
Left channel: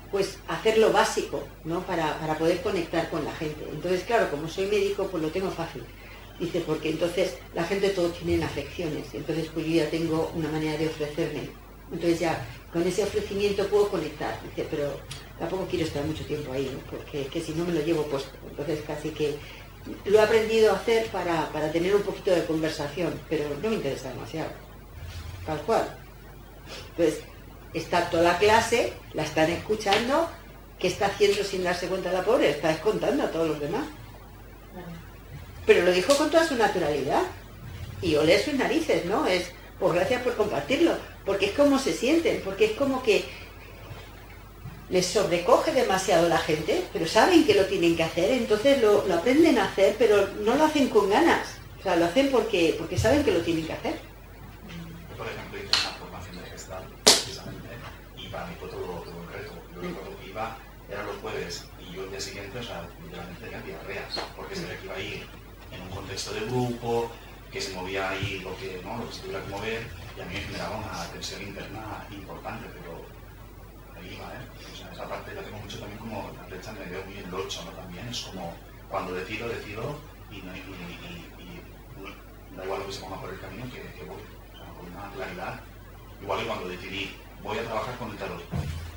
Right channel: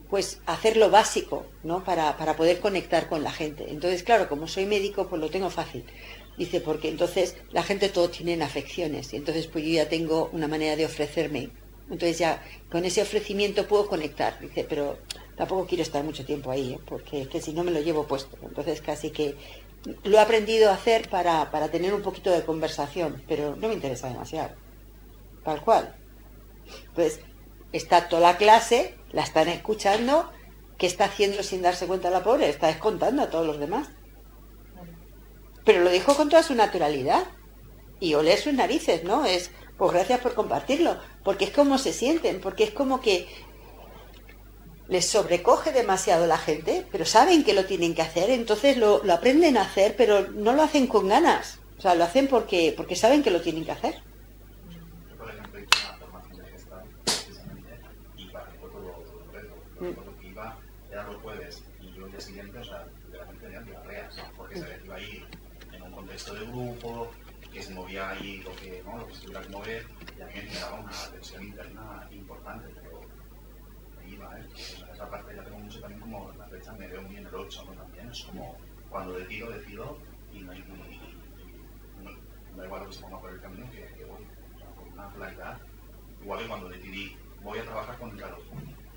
pues hacer lo básico, ¿no? Para poder conectar con la gente. Entonces, claro, como soy médico, pues lo tengo fácil. Dice, porque entonces la gente todos tienen afecciones, entonces pues yo ya tengo una manera de ofrecerme. Entonces ya con ese ofrecimiento puedo conectar. Dice, pero tampoco quiero estar mucho tiempo ahí, porque que si no me lo llevo puesto. Entonces casi que lo he aprendido a hacer para tener un poquito de conversación, pero no me interesa demasiado. Tal cual. Entonces, está toda la clase, la están escuchando, ¿qué está haciendo sin darse cuenta la pobre? Está descontando a todos los demás. Pero lo dijo con toda su naturalidad. Y olé sus narices, ¿no? Es, pues gracias por compartirlo, porque es como se sienten, porque es como que les sobrecoge demasiado la gente, pero saben que lo tienen que hacer, entonces lo aprenden a hacer, pero no lo hacen con ganas. O sea, lo hacen porque saben que lo tienen que hacer. Yo, por ejemplo, hice una formación de gestal, precisamente, y para mí fue todo un reto. Yo recuerdo que iba, era los jueves, y yo el día siguiente, o sea, literalmente tenía diarreas, porque sabía que iba a ir en un contexto de grupo, que se movía ahí lo que se tuviera que mover, y a mí me generaba una tensión interna importante, pero ahí iba, ¿eh? O sea, esa parte la tengo mucho también como la flecha me veo muy en el 8, ¿no? También es como cuando decido, y da igual lo que se ponga por el camino que voy, o sea, con una claridad, igual que cuando decidí, voy a trabajar con el tarot,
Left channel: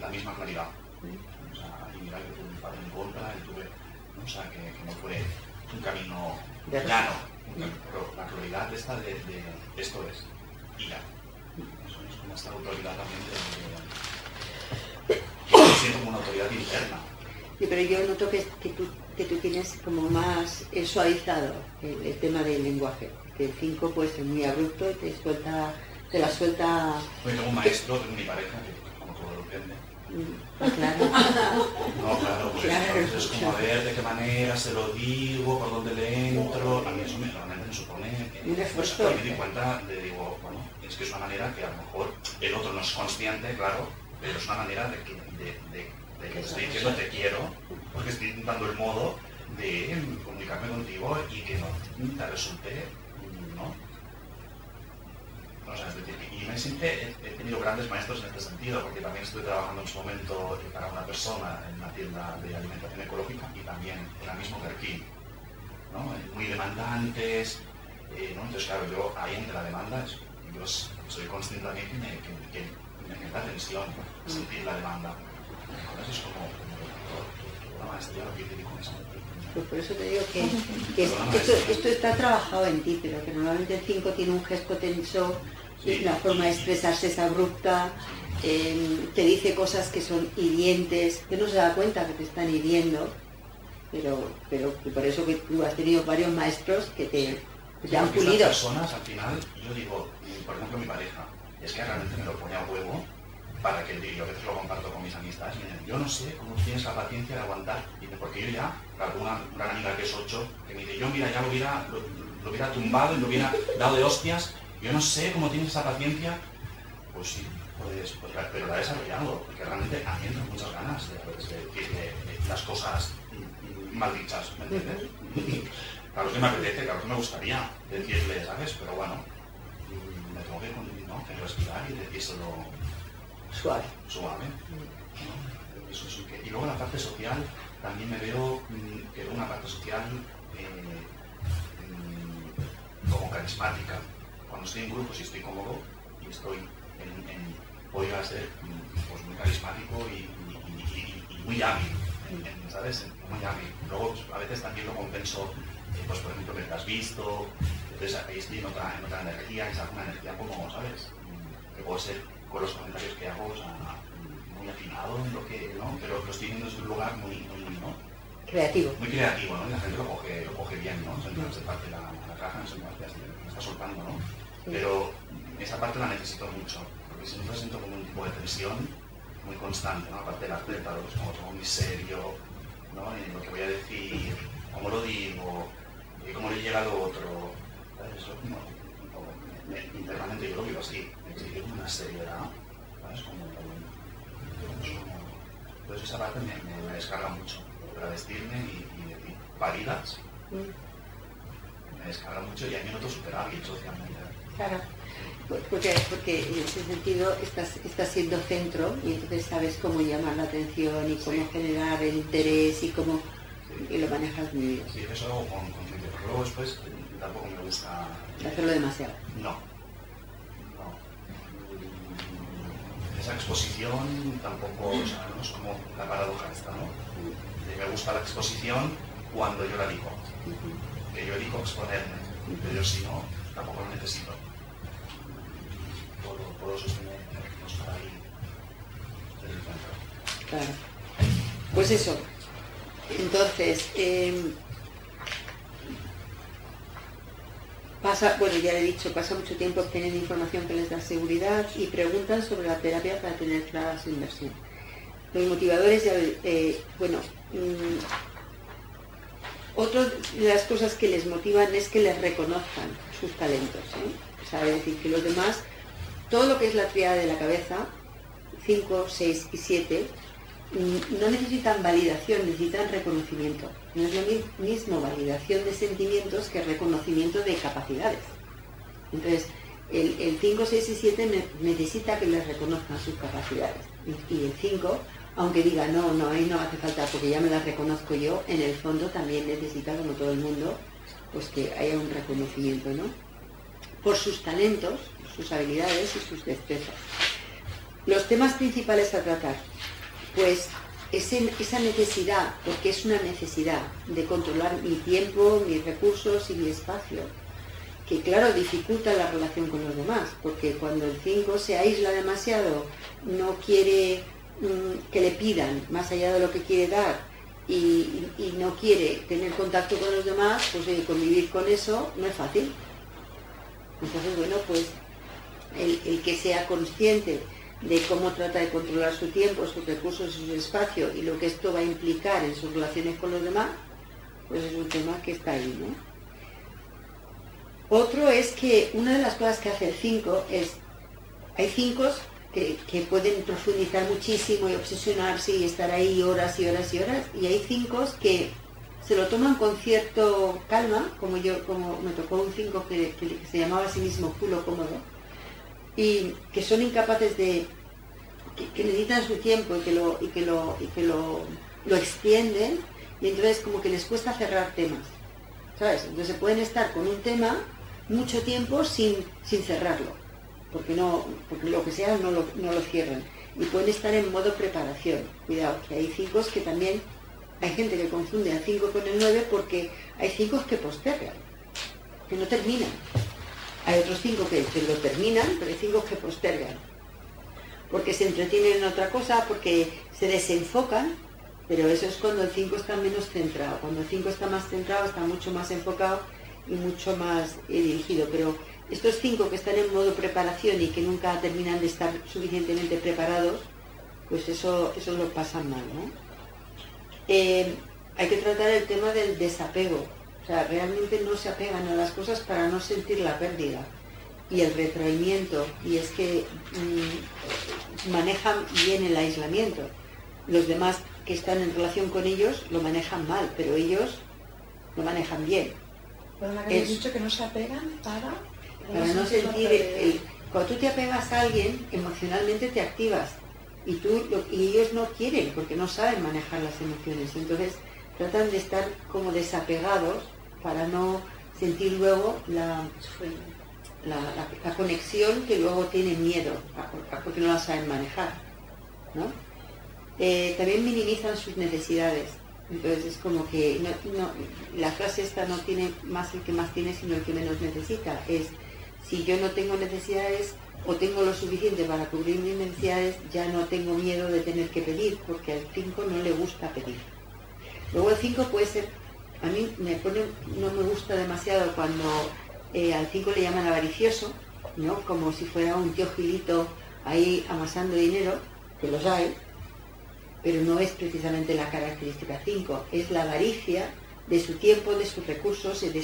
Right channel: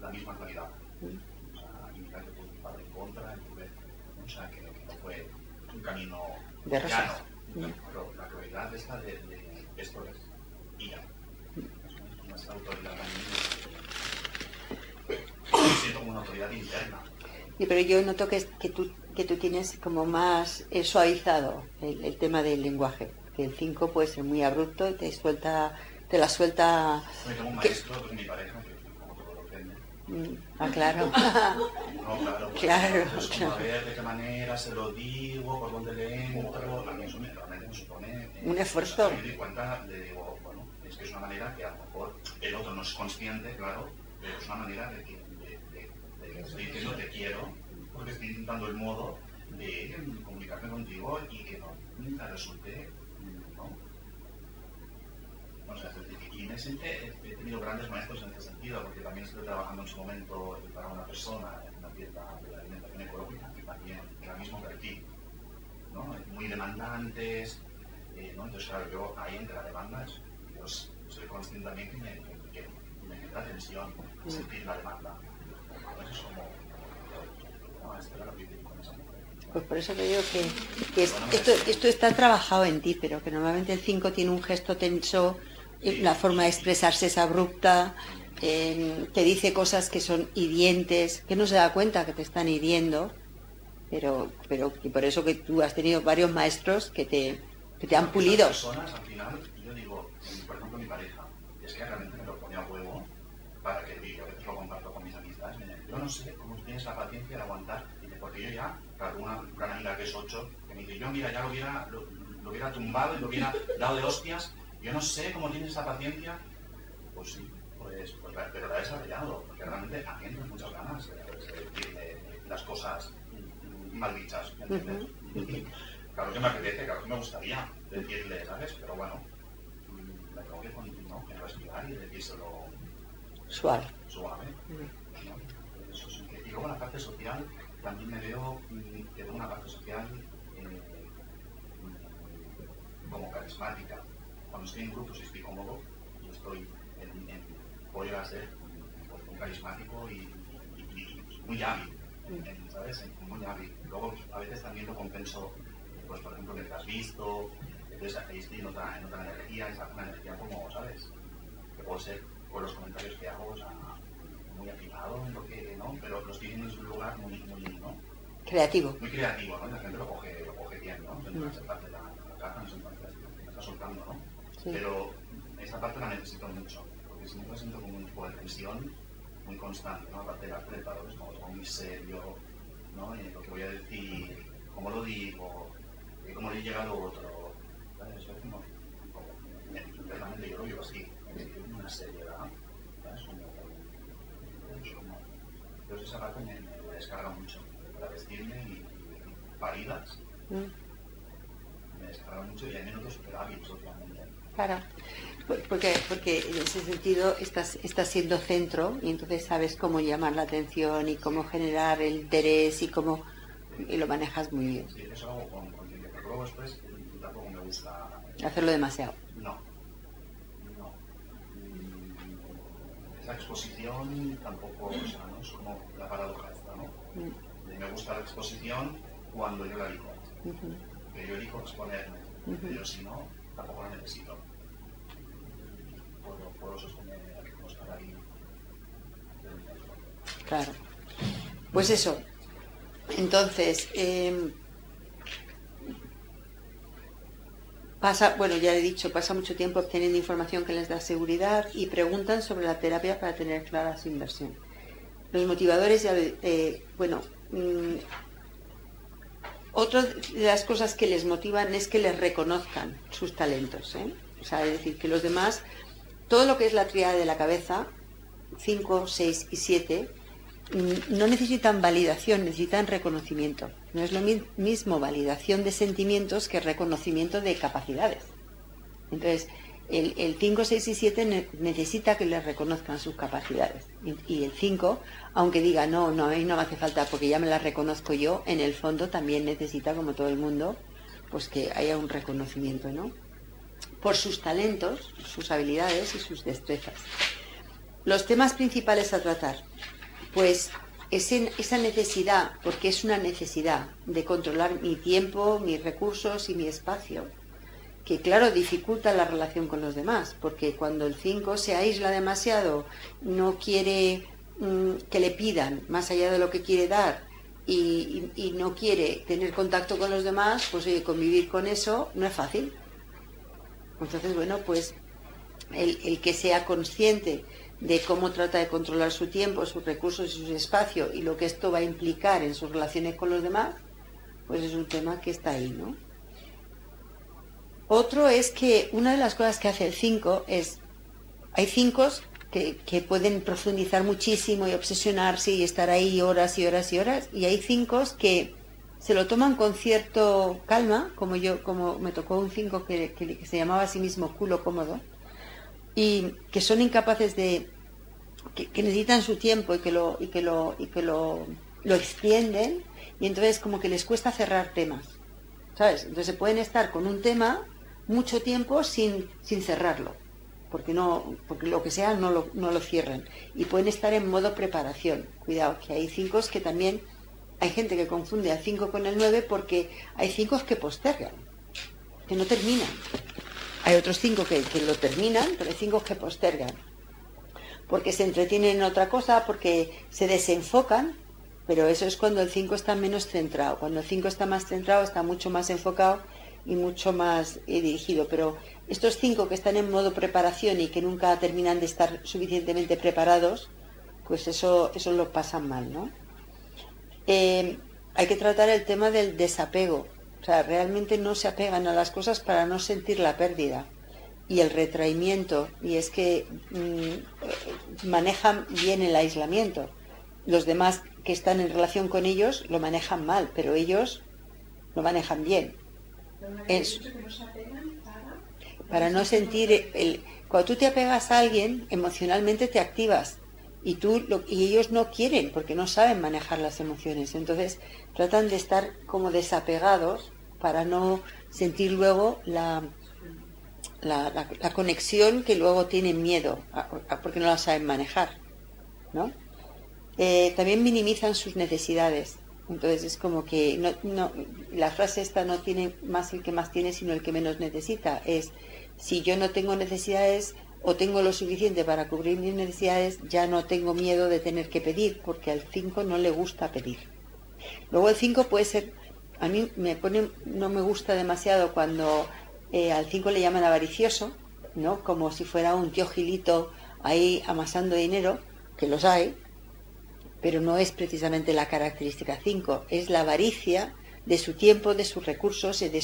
la misma claridad. O sea, y mira que tuve un padre en contra, y tuve, ¿no? O sea, que no fue un camino llano, pero la claridad esta de esto es, y ya. Eso es como esta autoridad también yo siento como una autoridad interna. Sí, pero yo noto que tú que tú tienes como más suavizado el tema del lenguaje. Que el 5 puede ser muy abrupto y te la suelta... Bueno, tengo un maestro, tengo mi pareja, que como todo lo entiende. Claro. No, claro, pues Claro, entonces como a ver de qué manera se lo digo, por dónde le entro, a mí eso realmente me supone que... Un esfuerzo. Me di cuenta de, digo, bueno, es que es una manera que a lo mejor el otro no es consciente, claro, pero es una manera de que te estoy diciendo te quiero, porque estoy dando el modo de comunicarme contigo y que no te resulte, ¿no? O sea, es decir, y me siempre he tenido grandes maestros en este sentido, porque también estuve trabajando en su momento para una persona en una tienda de alimentación ecológica y también en el mismo perfil, ¿no? Muy demandantes, ¿no? Entonces, claro, yo ahí entre la demanda, yo soy consciente también que me genera tensión sentir la demanda. Entonces es como, no, esto ya lo que yo digo con esa mujer. Pues por eso te digo que esto está trabajado en ti, pero que normalmente el 5 tiene un gesto tenso, y la forma de expresarse es abrupta, te dice cosas que son hirientes, que no se da cuenta que te están hiriendo, pero y por eso que tú has tenido varios maestros que te han pulido. Las personas, al final, yo digo, por ejemplo, mi pareja, es que realmente me lo pone a huevo para que yo a veces lo comparto con mis amistades, me dicen, yo no sé cómo tienes la paciencia de aguantar, porque yo ya, claro, una gran amiga que es 8, que me dice, yo mira, ya lo hubiera tumbado y lo hubiera dado de hostias, yo no sé cómo tienes esa paciencia, pues sí, pero la he desarrollado, porque realmente a mí me dan muchas ganas de decirle las cosas mal dichas, ¿me entiendes? Claro que me apetece, claro que me gustaría decirle, ¿sabes? Pero bueno, me tengo que respirar y decírselo Suave. ¿no? Eso sí que... Y luego la parte social, también me veo que es una parte social como carismática. Cuando estoy en grupos y estoy cómodo y estoy voy a ser pues, muy carismático y muy hábil, ¿sabes? Muy hábil. Luego a veces también lo compenso, pues por ejemplo, que te has visto, entonces ahí estoy en otra energía, es una energía como, ¿sabes? Que puede ser con los comentarios que hago, o sea, muy afinado en lo que, ¿no? Pero lo estoy viendo desde un lugar muy, ¿no? Creativo. Muy creativo, ¿no? Y la gente lo coge bien, ¿no? Se me parte la caja, me está soltando, ¿no? Sí. Pero esa parte la necesito mucho, porque si no me siento como un tipo de tensión muy constante, ¿no? Aparte de la atleta, lo que es como todo muy serio, ¿no? Y lo que voy a decir, cómo lo digo, cómo le llega al otro, ¿sabes? Eso como internamente yo lo vivo así, exige una seriedad, ¿sabes? Entonces esa parte me descarga mucho, para vestirme y decir paridas, me descarga mucho y a mí me noto súper hábil socialmente. Claro, porque en ese sentido estás siendo centro y entonces sabes cómo llamar la atención y cómo generar el interés y cómo y lo manejas muy bien. Sí, eso lo hago con conciencia, pero luego después tampoco me gusta... Hacerlo demasiado. No. Esa exposición tampoco, o sea, ¿no? Es como la paradoja esta, ¿no? Me gusta la exposición cuando yo la digo, que yo elijo exponerme, pero si no, tampoco lo necesito. Puedo sostener, no estar ahí en el centro. Claro. Pues eso. Entonces, ya he dicho, pasa mucho tiempo obteniendo información que les da seguridad y preguntan sobre la terapia para tener clara su inversión. Los motivadores, otra de las cosas que les motivan es que les reconozcan sus talentos, ¿eh? O sea, es decir, que los demás, todo lo que es la tríada de la cabeza, 5, 6 y 7, no necesitan validación, necesitan reconocimiento. No es lo mismo validación de sentimientos que reconocimiento de capacidades. Entonces, el 5, 6 y 7 necesita que les reconozcan sus capacidades. Y el 5, aunque diga, no, a mí no me hace falta porque ya me las reconozco yo, en el fondo también necesita, como todo el mundo, pues que haya un reconocimiento, ¿no? Por sus talentos, sus habilidades y sus destrezas. Los temas principales a tratar, pues esa necesidad, porque es una necesidad de controlar mi tiempo, mis recursos y mi espacio, que claro, dificulta la relación con los demás, porque cuando el 5 se aísla demasiado, no quiere que le pidan más allá de lo que quiere dar, y no quiere tener contacto con los demás, pues convivir con eso no es fácil. Entonces, bueno, pues el que sea consciente de cómo trata de controlar su tiempo, sus recursos y su espacio y lo que esto va a implicar en sus relaciones con los demás, pues es un tema que está ahí, ¿no? Otro es que una de las cosas que hace el 5 es, hay 5 que pueden profundizar muchísimo y obsesionarse y estar ahí horas y horas y horas, y hay 5 que se lo toman con cierto calma, como me tocó un 5 que se llamaba a sí mismo culo cómodo, y que son incapaces de, que necesitan su tiempo y que lo extienden, y entonces como que les cuesta cerrar temas, ¿sabes? Entonces pueden estar con un tema mucho tiempo sin cerrarlo, porque lo que sea no lo cierran, y pueden estar en modo preparación. Cuidado, que hay 5 que también, hay gente que confunde al 5 con el 9 porque hay 5 que postergan, que no terminan. Hay otros 5 que lo terminan, pero hay 5 que postergan, porque se entretienen en otra cosa, porque se desenfocan, pero eso es cuando el 5 está menos centrado. Cuando el 5 está más centrado, está mucho más enfocado y mucho más dirigido. Pero estos 5 que están en modo preparación y que nunca terminan de estar suficientemente preparados, pues eso lo pasan mal, ¿no? Hay que tratar el tema del desapego. O sea, realmente no se apegan a las cosas para no sentir la pérdida y el retraimiento, y es que manejan bien el aislamiento. Los demás que están en relación con ellos lo manejan mal, pero ellos lo manejan bien. Pero la que habéis dicho que no se apegan para no sentir cuando tú te apegas a alguien, emocionalmente te activas, y ellos no quieren porque no saben manejar las emociones. Entonces tratan de estar como desapegados para no sentir luego la conexión que luego tienen miedo, porque no la saben manejar, ¿no? También minimizan sus necesidades. Entonces es como que la frase esta no tiene más el que más tiene, sino el que menos necesita. Es, si yo no tengo necesidades o tengo lo suficiente para cubrir mis necesidades, ya no tengo miedo de tener que pedir, porque al 5 no le gusta pedir. Luego el 5 puede ser, a mí no me gusta demasiado cuando al 5 le llaman avaricioso, ¿no? Como si fuera un tío gilito ahí amasando dinero, que los hay, pero no es precisamente la característica 5, es la avaricia de su tiempo, de sus recursos y de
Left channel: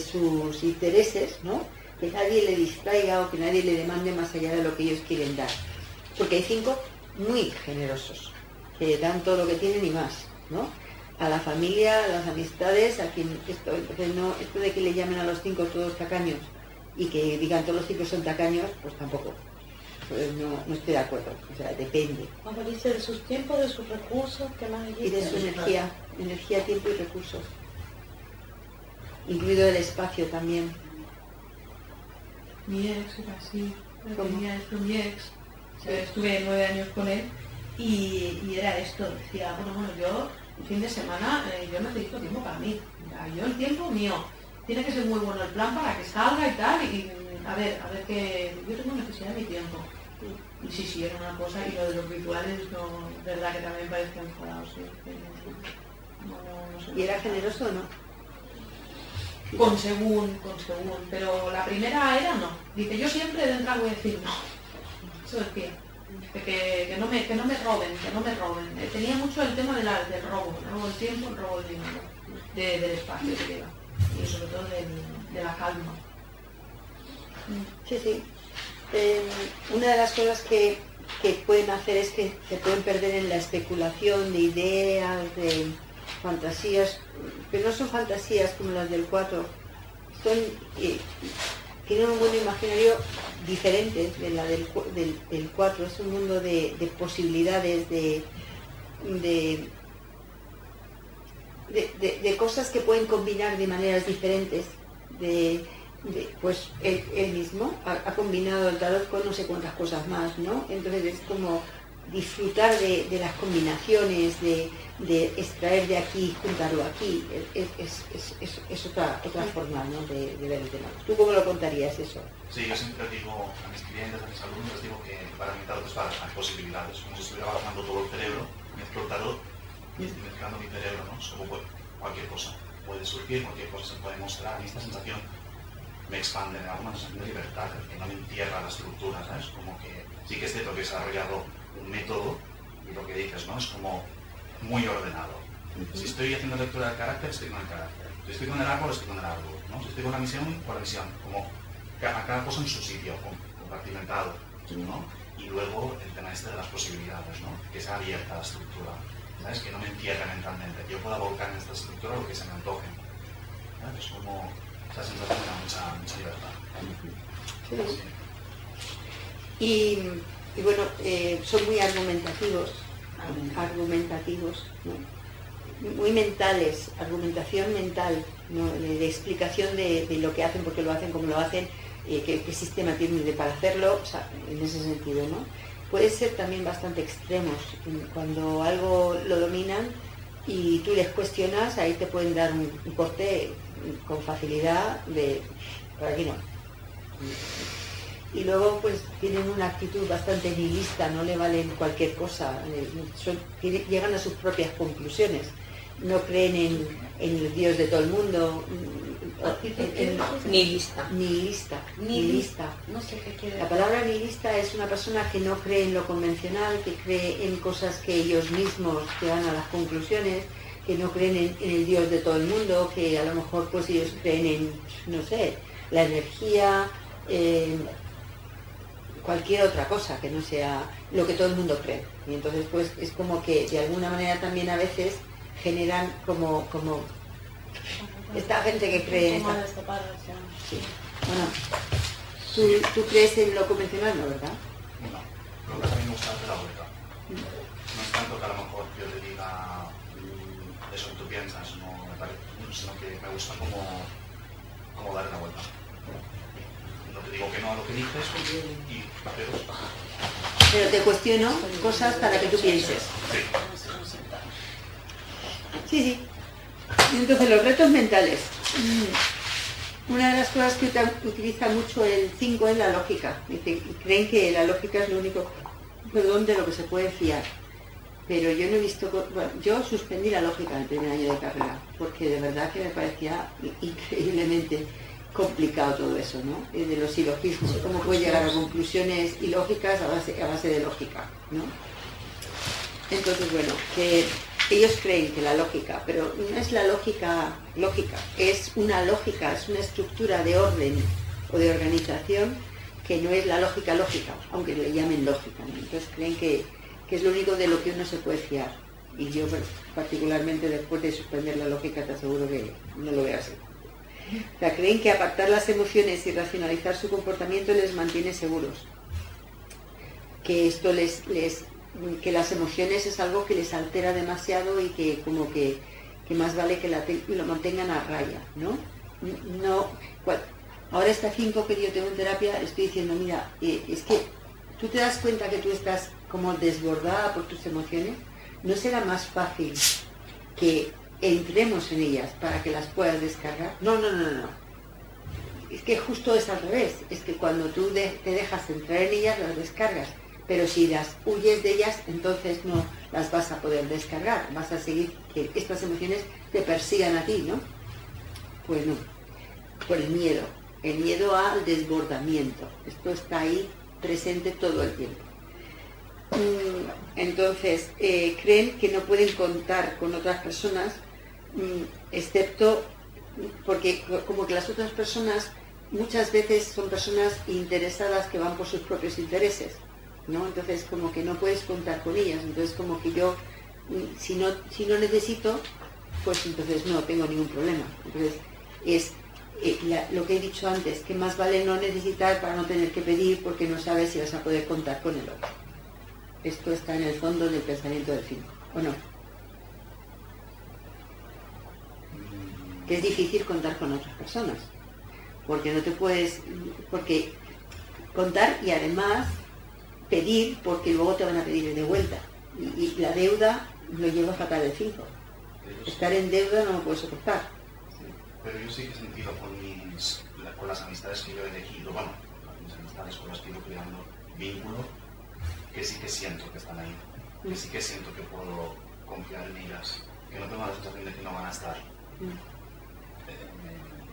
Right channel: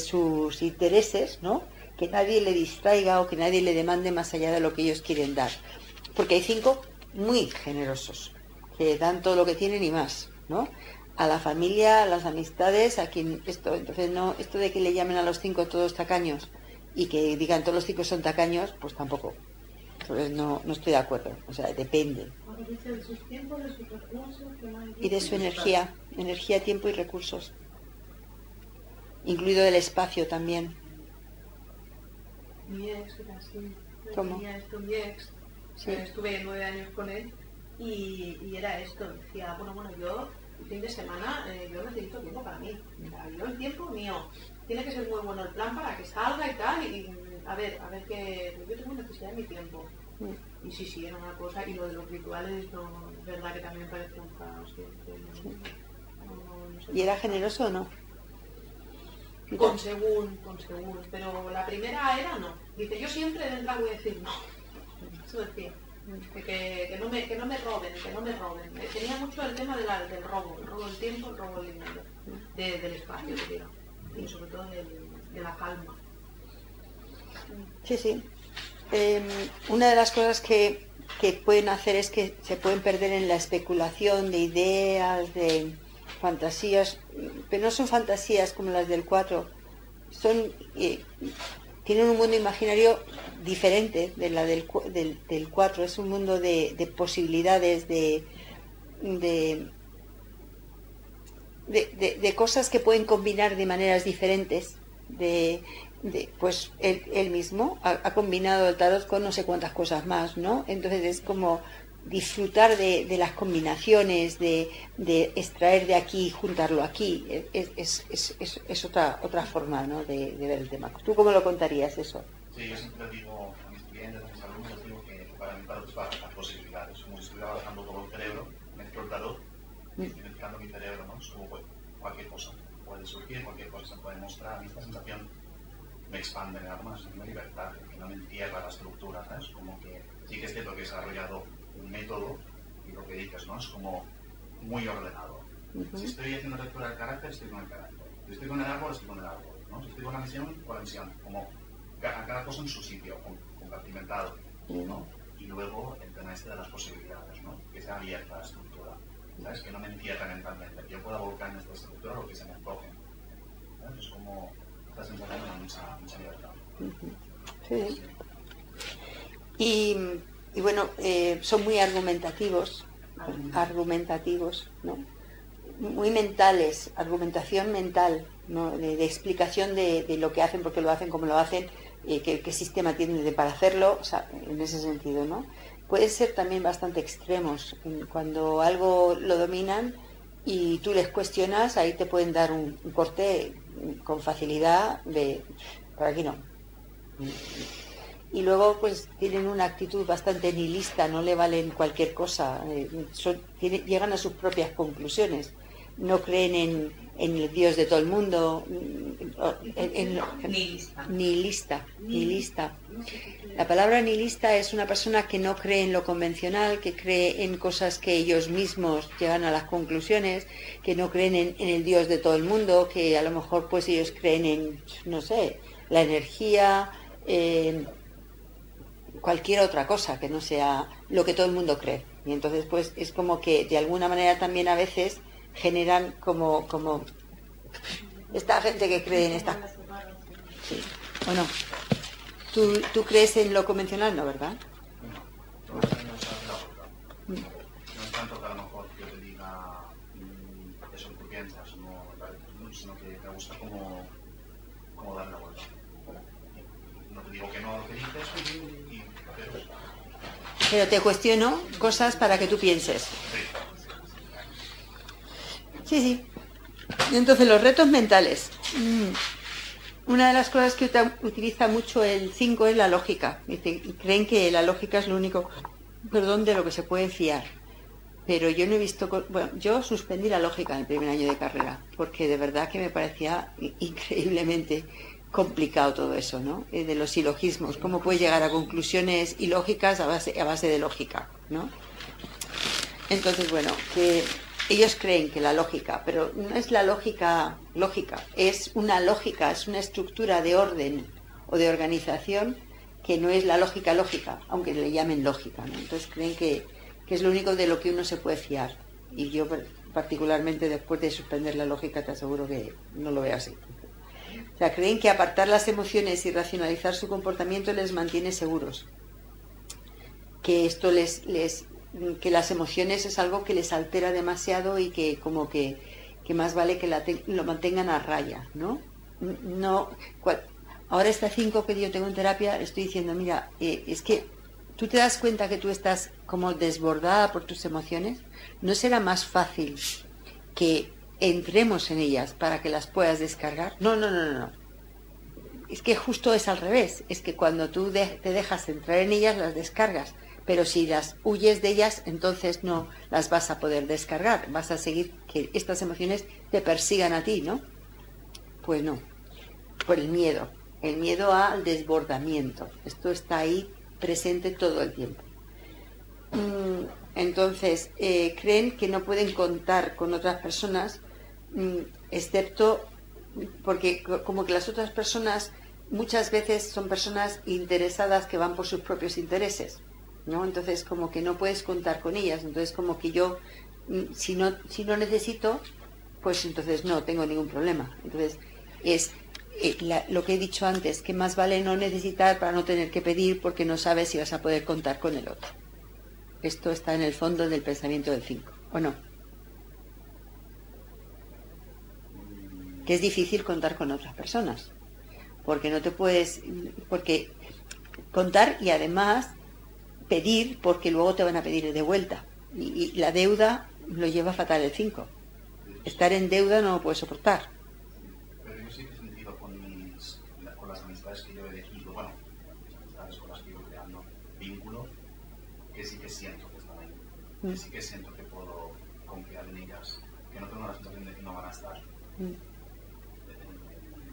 sus intereses, ¿no? Que nadie le distraiga o que nadie le demande más allá de lo que ellos quieren dar. Porque hay 5 muy generosos, que dan todo lo que tienen y más, ¿no? A la familia, a las amistades, a quien entonces no, esto de que le llamen a los 5 todos tacaños y que digan todos los 5 son tacaños, pues tampoco. Pues no estoy de acuerdo, o sea, depende. Cuando dice de sus tiempos, de sus recursos, ¿qué más dice? Y de su energía, tiempo y recursos. Incluido el espacio también. Mi ex era así. ¿Cómo? Mi ex. Sí. Estuve 9 años con él y era esto. Decía, bueno, yo el fin de semana yo necesito tiempo para mí. Yo el tiempo mío. Tiene que ser muy bueno el plan para que salga y tal. Y a ver que yo tengo necesidad de mi tiempo. Y sí, era una cosa. Y lo de los rituales, no, es verdad que también parecía enfadado. Sí. No sé. ¿Y era generoso o no? Con según, pero la primera era no. Dice, yo siempre de entrada voy a decir no. Eso decía. Que no me roben. Tenía mucho el tema del robo el tiempo, el robo del dinero, del espacio, creo. Y sobre todo de la calma. Sí. Una de las cosas que pueden hacer es que se pueden perder en la especulación de ideas, de fantasías, pero no son fantasías como las del 4, tienen un mundo imaginario diferente de la del 4, es un mundo de posibilidades, de cosas que pueden combinar de maneras diferentes, pues él mismo ha combinado el tarot con no sé cuántas cosas más, ¿no? Entonces es como disfrutar de las combinaciones, de extraer de aquí y juntarlo aquí, es otra forma, ¿no? de ver el tema. ¿Tú cómo lo contarías eso? Sí, yo siempre digo a mis clientes, a mis alumnos, les digo que para mí tarot es para las posibilidades, como si estuviera trabajando todo el cerebro, mezclo el tarot identificando mi cerebro, ¿no? Es como cualquier cosa puede surgir, cualquier cosa se puede mostrar, y esta sensación me expande, me da una sensación de libertad, que no me entierra la estructura, ¿sabes? Como que sí que es cierto que he desarrollado un método, y lo que dices, ¿no? Es como muy ordenado. Si estoy haciendo lectura del carácter, estoy con el carácter. Si estoy con el árbol, estoy con el árbol, ¿no? Si estoy con la misión, con la misión. Como a cada cosa en su sitio, compartimentado, ¿no? Y luego el tema este de las posibilidades, ¿no? Que sea abierta la estructura, ¿sabes? Que no me entierre mentalmente, que yo pueda volcar en esta estructura lo que se me antoje, ¿sabes? Es como esa sensación de mucha libertad. Sí. Y bueno, son muy argumentativos, ¿no? Muy mentales, argumentación mental, ¿no? de explicación de lo que hacen, por qué lo hacen, cómo lo hacen, qué sistema tienen para hacerlo, o sea, en ese sentido, ¿no? Puede ser también bastante extremos, cuando algo lo dominan y tú les cuestionas, ahí te pueden dar un corte con facilidad de, por aquí no. Y luego pues tienen una actitud bastante nihilista, no le valen cualquier cosa, llegan a sus propias conclusiones, no creen en el Dios de todo el mundo, nihilista. No sé qué quiere La palabra nihilista es una persona que no cree en lo convencional, que cree en cosas que ellos mismos llegan a las conclusiones, que no creen en el Dios de todo el mundo, que a lo mejor pues ellos creen en, no sé, la energía, cualquier otra cosa que no sea lo que todo el mundo cree. Y entonces pues es como que de alguna manera también a veces generan como esta gente que cree en esta... Sí. Bueno, ¿tú crees en lo convencional, no, verdad? No, creo que a mí me gusta hacer la vuelta. No es tanto que a lo mejor yo te diga eso que tú piensas, no me parece, sino que me gusta como darle la vuelta. No te digo que no a lo que dices, pero te cuestiono cosas para que tú pienses. Sí. Y entonces los retos mentales. Una de las cosas que utiliza mucho el 5 es la lógica. Creen que la lógica es lo único, de lo que se puede fiar. Pero yo no he visto... Bueno, yo suspendí la lógica en el primer año de carrera, porque de verdad que me parecía increíblemente complicado todo eso, ¿no? De los silogismos, cómo puede llegar a conclusiones ilógicas a base de lógica, ¿no? Entonces, bueno, que ellos creen que la lógica, pero no es la lógica, es una lógica, es una estructura de orden o de organización que no es la lógica, aunque le llamen lógica, ¿no? Entonces creen que es lo único de lo que uno se puede fiar. Y yo, particularmente después de suspender la lógica, te aseguro que no lo veo así. O sea, creen que apartar las emociones y racionalizar su comportamiento les mantiene seguros. Que esto que las emociones es algo que les altera demasiado y que como que más vale que lo mantengan a raya, ¿no? Ahora esta 5 que yo tengo en terapia, estoy diciendo, mira, es que tú te das cuenta que tú estás como desbordada por tus emociones. ¿No será más fácil que entremos en ellas para que las puedas descargar? No. Es que justo es al revés. Es que cuando tú te dejas entrar en ellas, las descargas. Pero si las huyes de ellas, entonces no las vas a poder descargar. Vas a seguir que estas emociones te persigan a ti, ¿no? Pues no. Por el miedo. El miedo al desbordamiento. Esto está ahí presente todo el tiempo. Entonces, creen que no pueden contar con otras personas, excepto porque como que las otras personas muchas veces son personas interesadas que van por sus propios intereses, ¿no? Entonces como que no puedes contar con ellas. Entonces como que yo, si no necesito, pues entonces no tengo ningún problema. Entonces es lo que he dicho antes, que más vale no necesitar para no tener que pedir, porque no sabes si vas a poder contar con el otro. Esto está en el fondo del pensamiento del 5, ¿o no? Que es difícil contar con otras personas, porque no te puedes, porque contar y además pedir, porque luego te van a pedir de vuelta. Y la deuda lo lleva fatal el 5. Estar en deuda no lo puedes soportar. Sí, pero yo sí que he sentido con las amistades que yo he elegido, bueno, mis amistades con las que he ido creando vínculo, que sí que siento que están ahí, que sí que siento que puedo confiar en ellas, que no tengo la sensación de que no van a estar.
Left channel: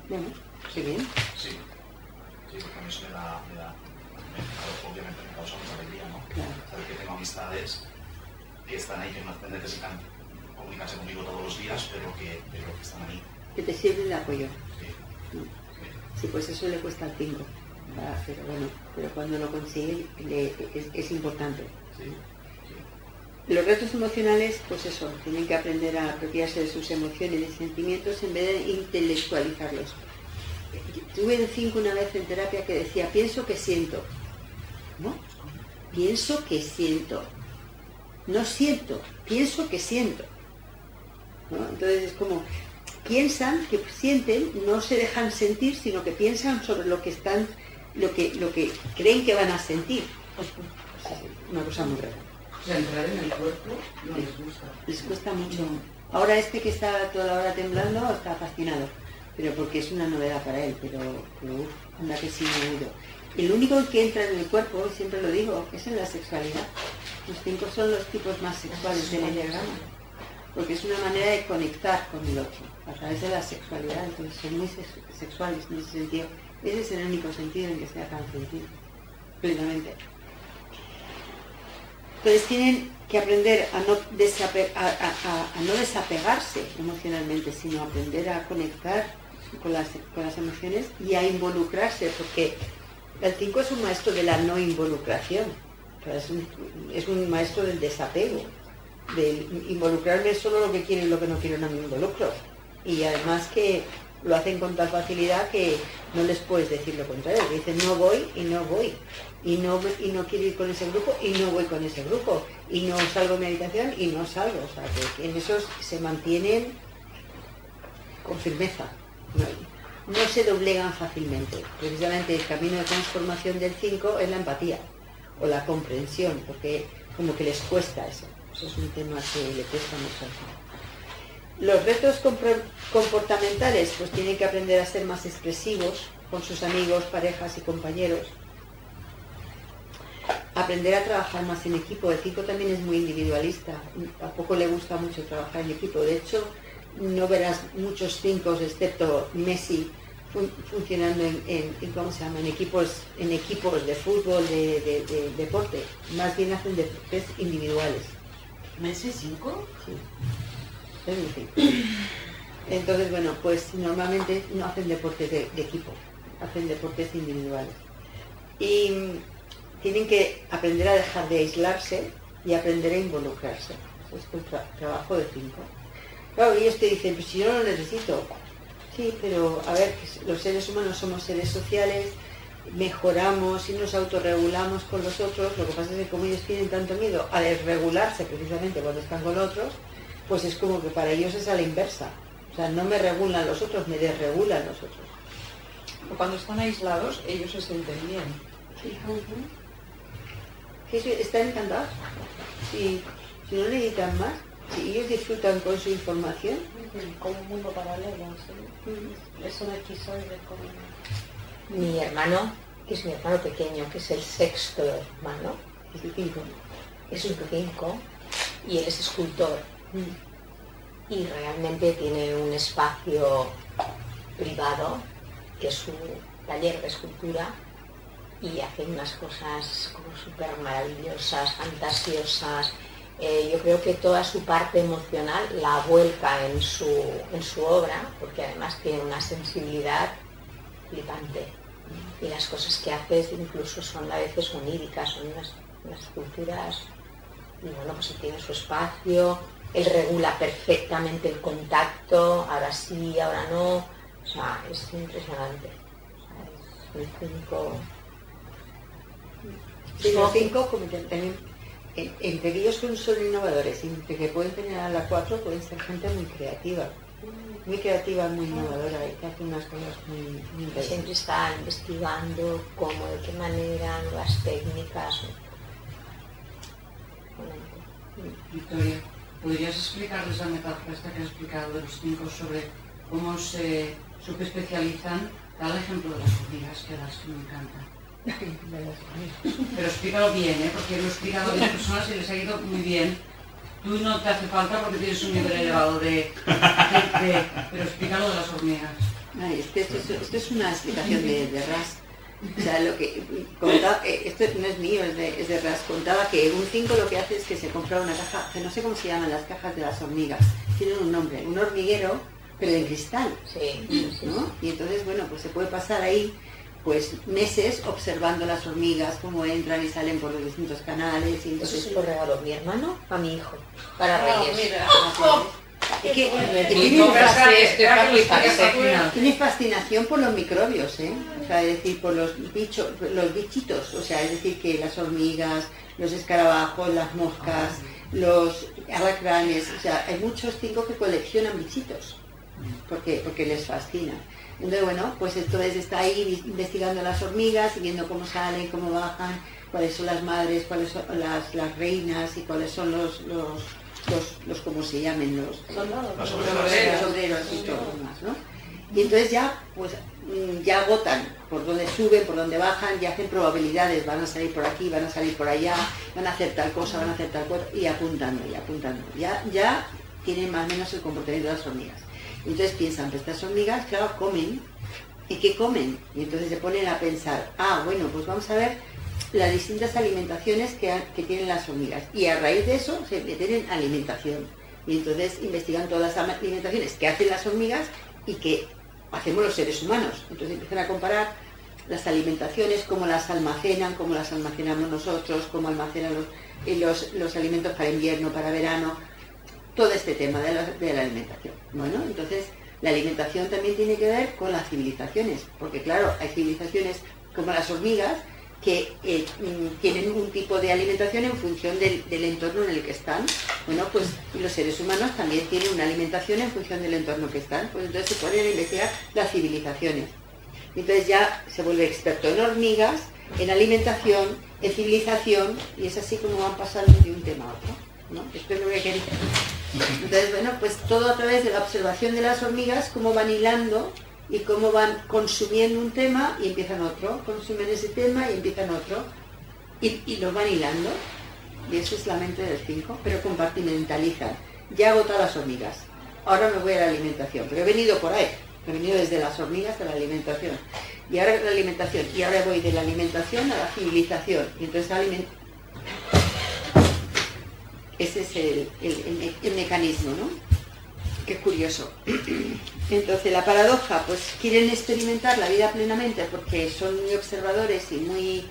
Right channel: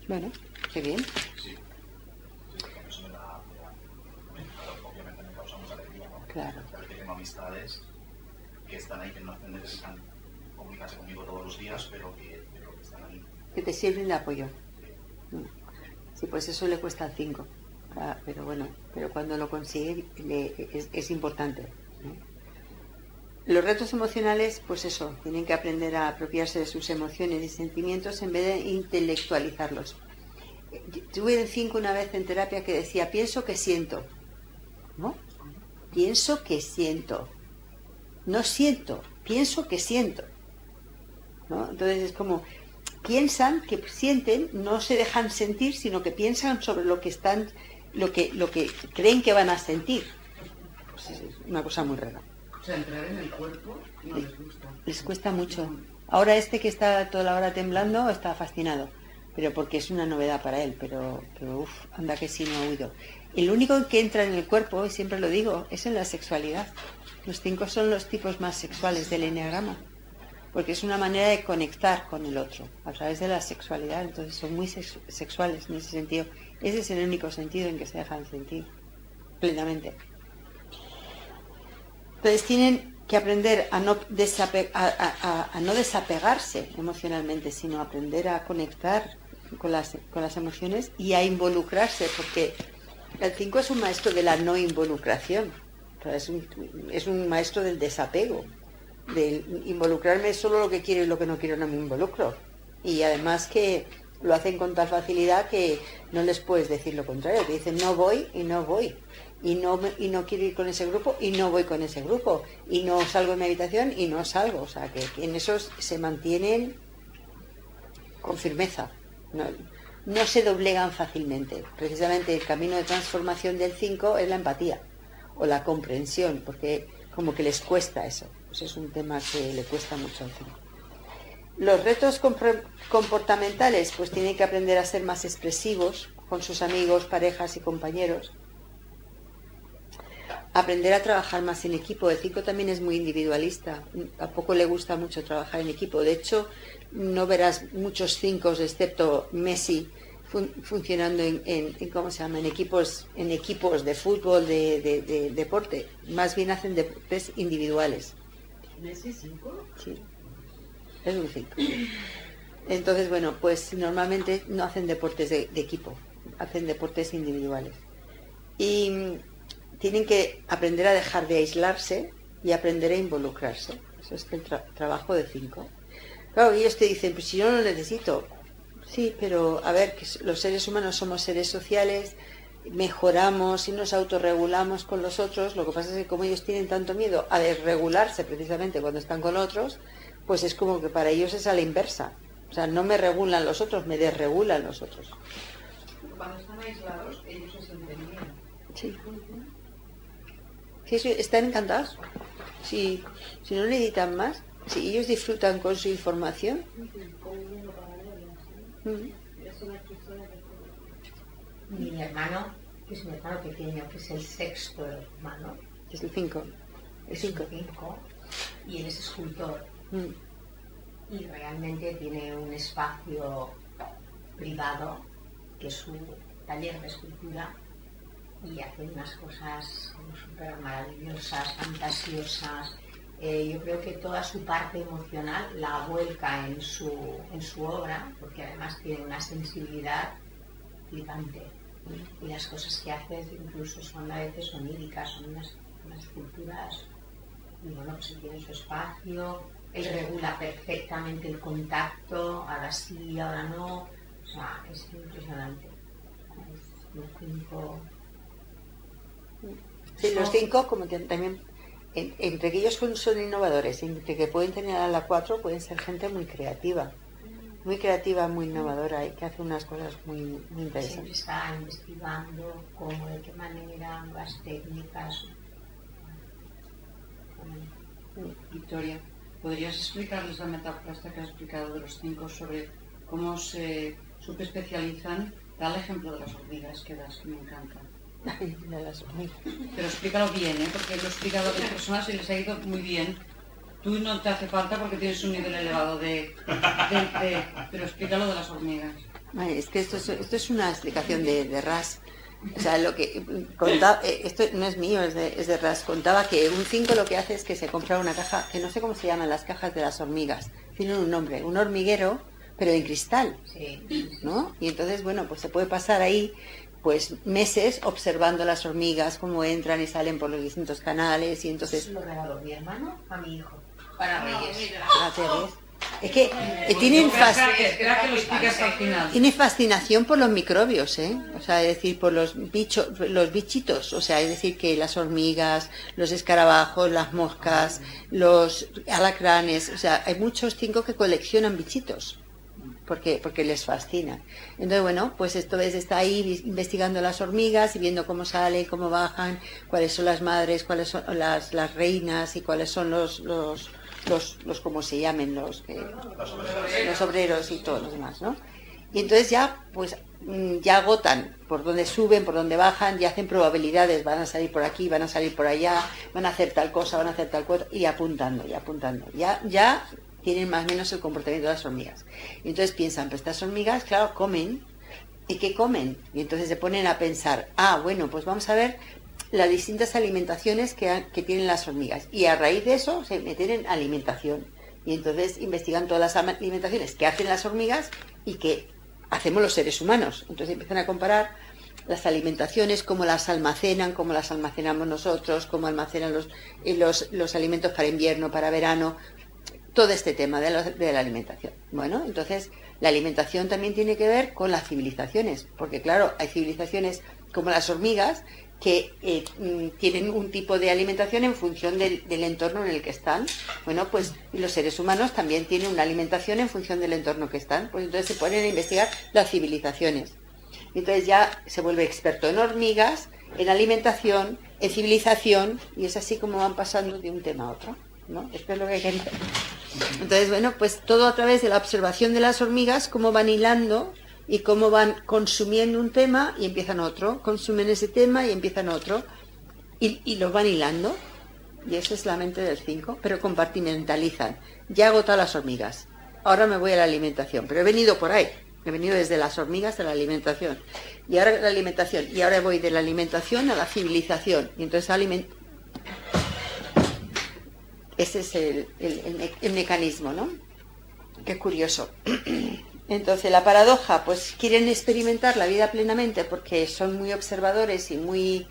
Bueno, qué bien. Sí, porque a mí eso claro, obviamente me causa mucha alegría, ¿no? Claro. Saber que tengo amistades que están ahí, que no necesitan comunicarse conmigo todos los días, pero que están ahí. Que te sirven de apoyo. Sí. Sí, pues eso le cuesta al 5. Pero bueno, pero cuando lo consigue es importante. Sí. Los retos emocionales, pues eso, tienen que aprender a apropiarse de sus emociones y sentimientos en vez de intelectualizarlos. Tuve un 5 una vez en terapia que decía, pienso que siento. ¿No? Pienso que siento. No siento, pienso que siento. ¿No? Entonces es como, piensan, que sienten, no se dejan sentir, sino que piensan sobre lo que están, lo que creen que van a sentir. Pues, una cosa muy rara. O sea, entrar en el cuerpo no les gusta. Les cuesta mucho. Ahora este que está toda la hora temblando está fascinado, pero porque es una novedad para él, pero uff, anda que sí me ha oído. El único que entra en el cuerpo, y siempre lo digo, es en la sexualidad. Los 5 son los tipos más sexuales del enneagrama, porque es una manera de conectar con el otro, a través de la sexualidad. Entonces son muy sexuales en ese sentido. Ese es el único sentido en que se dejan sentir plenamente. Entonces tienen que aprender a no desapegarse emocionalmente, sino aprender a conectar con las emociones y a involucrarse, porque el 5 es un maestro de la no involucración, es un maestro del desapego, de involucrarme solo lo que quiero y lo que no quiero no me involucro. Y además que lo hacen con tal facilidad que no les puedes decir lo contrario, te dicen no voy y no voy. Y no quiero ir con ese grupo y no voy con ese grupo, y no salgo en mi habitación y no salgo. O sea, que en esos se mantienen con firmeza, no se doblegan fácilmente. Precisamente el camino de transformación del 5 es la empatía o la comprensión, porque como que les cuesta eso. Eso es un tema que le cuesta mucho al 5. Los retos comportamentales, pues tienen que aprender a ser más expresivos con sus amigos, parejas y compañeros. Aprender a trabajar más en equipo. El 5 también es muy individualista, tampoco le gusta mucho trabajar en equipo. De hecho, no verás muchos 5, excepto Messi, funcionando en ¿cómo se llama? En equipos de fútbol, de deporte. Más bien hacen deportes individuales. ¿Messi 5? Sí, es un 5. Entonces, bueno, pues normalmente no hacen deportes de equipo, hacen deportes individuales. Y tienen que aprender a dejar de aislarse y aprender a involucrarse. Eso es el trabajo de 5. Claro, ellos te dicen, pues si yo no lo necesito. Sí, pero a ver, los seres humanos somos seres sociales, mejoramos y nos autorregulamos con los otros. Lo que pasa es que como ellos tienen tanto miedo a desregularse precisamente cuando están con otros, pues es como que para ellos es a la inversa. O sea, no me regulan los otros, me desregulan los otros. Pero cuando están aislados, ellos se sienten bien. Sí. Sí, están encantados. Si no necesitan más, si ellos disfrutan con su información. Como un mundo paralelo, ¿sí? Es un episodio como... Mi hermano, que es mi hermano pequeño, que es el 6º hermano, Es el 5. es un 5, y él es escultor. Y realmente tiene un espacio privado, que es su taller de escultura, y hace unas cosas como súper maravillosas, fantasiosas. Yo creo que toda su parte emocional la vuelca en su obra, porque además tiene una sensibilidad flipante. Y las cosas que hace incluso son a veces oníricas, son unas esculturas, y bueno, pues él tiene su espacio, él regula perfectamente el contacto, ahora sí, ahora no, o sea, es impresionante. O sea, es un 5... Sí, los 5, como que también, entre que ellos son innovadores, entre que pueden tener a la 4, pueden ser gente muy creativa, muy innovadora, y que hace unas cosas muy interesantes. Siempre está investigando cómo, de qué manera, nuevas técnicas. Victoria, ¿podrías explicarles la metáfora esta que has explicado de los 5 sobre cómo se subespecializan? Da el ejemplo de las hormigas que me encanta. De las hormigas. Pero explícalo bien, porque lo he explicado a otras personas y les ha ido muy bien. Tú no te hace falta porque tienes un nivel elevado de pero explícalo de las hormigas. Ay, es que esto es una explicación de Ras. O sea, lo que contaba, esto no es mío, es de Ras. Contaba que un 5 lo que hace es que se compra una caja, que no sé cómo se llaman las cajas de las hormigas, tienen un nombre, un hormiguero, pero en cristal, ¿no? Y entonces, bueno, pues se puede pasar ahí pues meses observando las hormigas, cómo entran y salen por los distintos canales, y entonces... Eso se lo regaló mi hermano a mi hijo, para Reyes. Mira. Es que tiene fascinación por los microbios, ¿eh? O sea, es decir, por los bichitos, o sea, es decir, que las hormigas, los escarabajos, las moscas, los alacranes, o sea, hay muchos 5 que coleccionan bichitos, porque les fascina. Entonces, bueno, pues esto es, está ahí investigando las hormigas y viendo cómo salen, cómo bajan, cuáles son las madres, cuáles son las reinas y cuáles son los ¿cómo se llamen? Los obreros y todo lo demás, ¿no? Y entonces ya, pues, ya agotan por donde suben, por donde bajan, y hacen probabilidades, van a salir por aquí, van a salir por allá, van a hacer tal cosa, van a hacer tal cosa, y apuntando, y apuntando. Ya tienen más o menos el comportamiento de las hormigas. Y entonces piensan, pues estas hormigas, claro, comen. ¿Y qué comen? Y entonces se ponen a pensar, bueno, pues vamos a ver las distintas alimentaciones que tienen las hormigas. Y a raíz de eso se meten en alimentación. Y entonces investigan todas las alimentaciones que hacen las hormigas y que hacemos los seres humanos. Entonces empiezan a comparar las alimentaciones, cómo las almacenan, cómo las almacenamos nosotros, cómo almacenan los alimentos para invierno, para verano, todo este tema de la alimentación. Bueno, entonces la alimentación también tiene que ver con las civilizaciones, porque claro, hay civilizaciones como las hormigas que tienen un tipo de alimentación en función del entorno en el que están. Bueno, pues los seres humanos también tienen una alimentación en función del entorno que están. Pues entonces se ponen a investigar las civilizaciones. Entonces ya se vuelve experto en hormigas, en alimentación, en civilización, y es así como van pasando de un tema a otro, ¿no? Esto es lo que quería. Entonces, bueno, pues todo a través de la observación de las hormigas, cómo van hilando y cómo van consumiendo un tema y empiezan otro, consumen ese tema y empiezan otro, y lo van hilando, y eso es la mente del 5, pero compartimentalizan. Ya he agotado las hormigas, ahora me voy a la alimentación, pero he venido por ahí, he venido desde las hormigas a la alimentación, y ahora la alimentación, y ahora voy de la alimentación a la civilización, y entonces ese es el mecanismo, ¿no? Qué curioso. Entonces la paradoja, pues quieren experimentar la vida plenamente porque son muy observadores y muy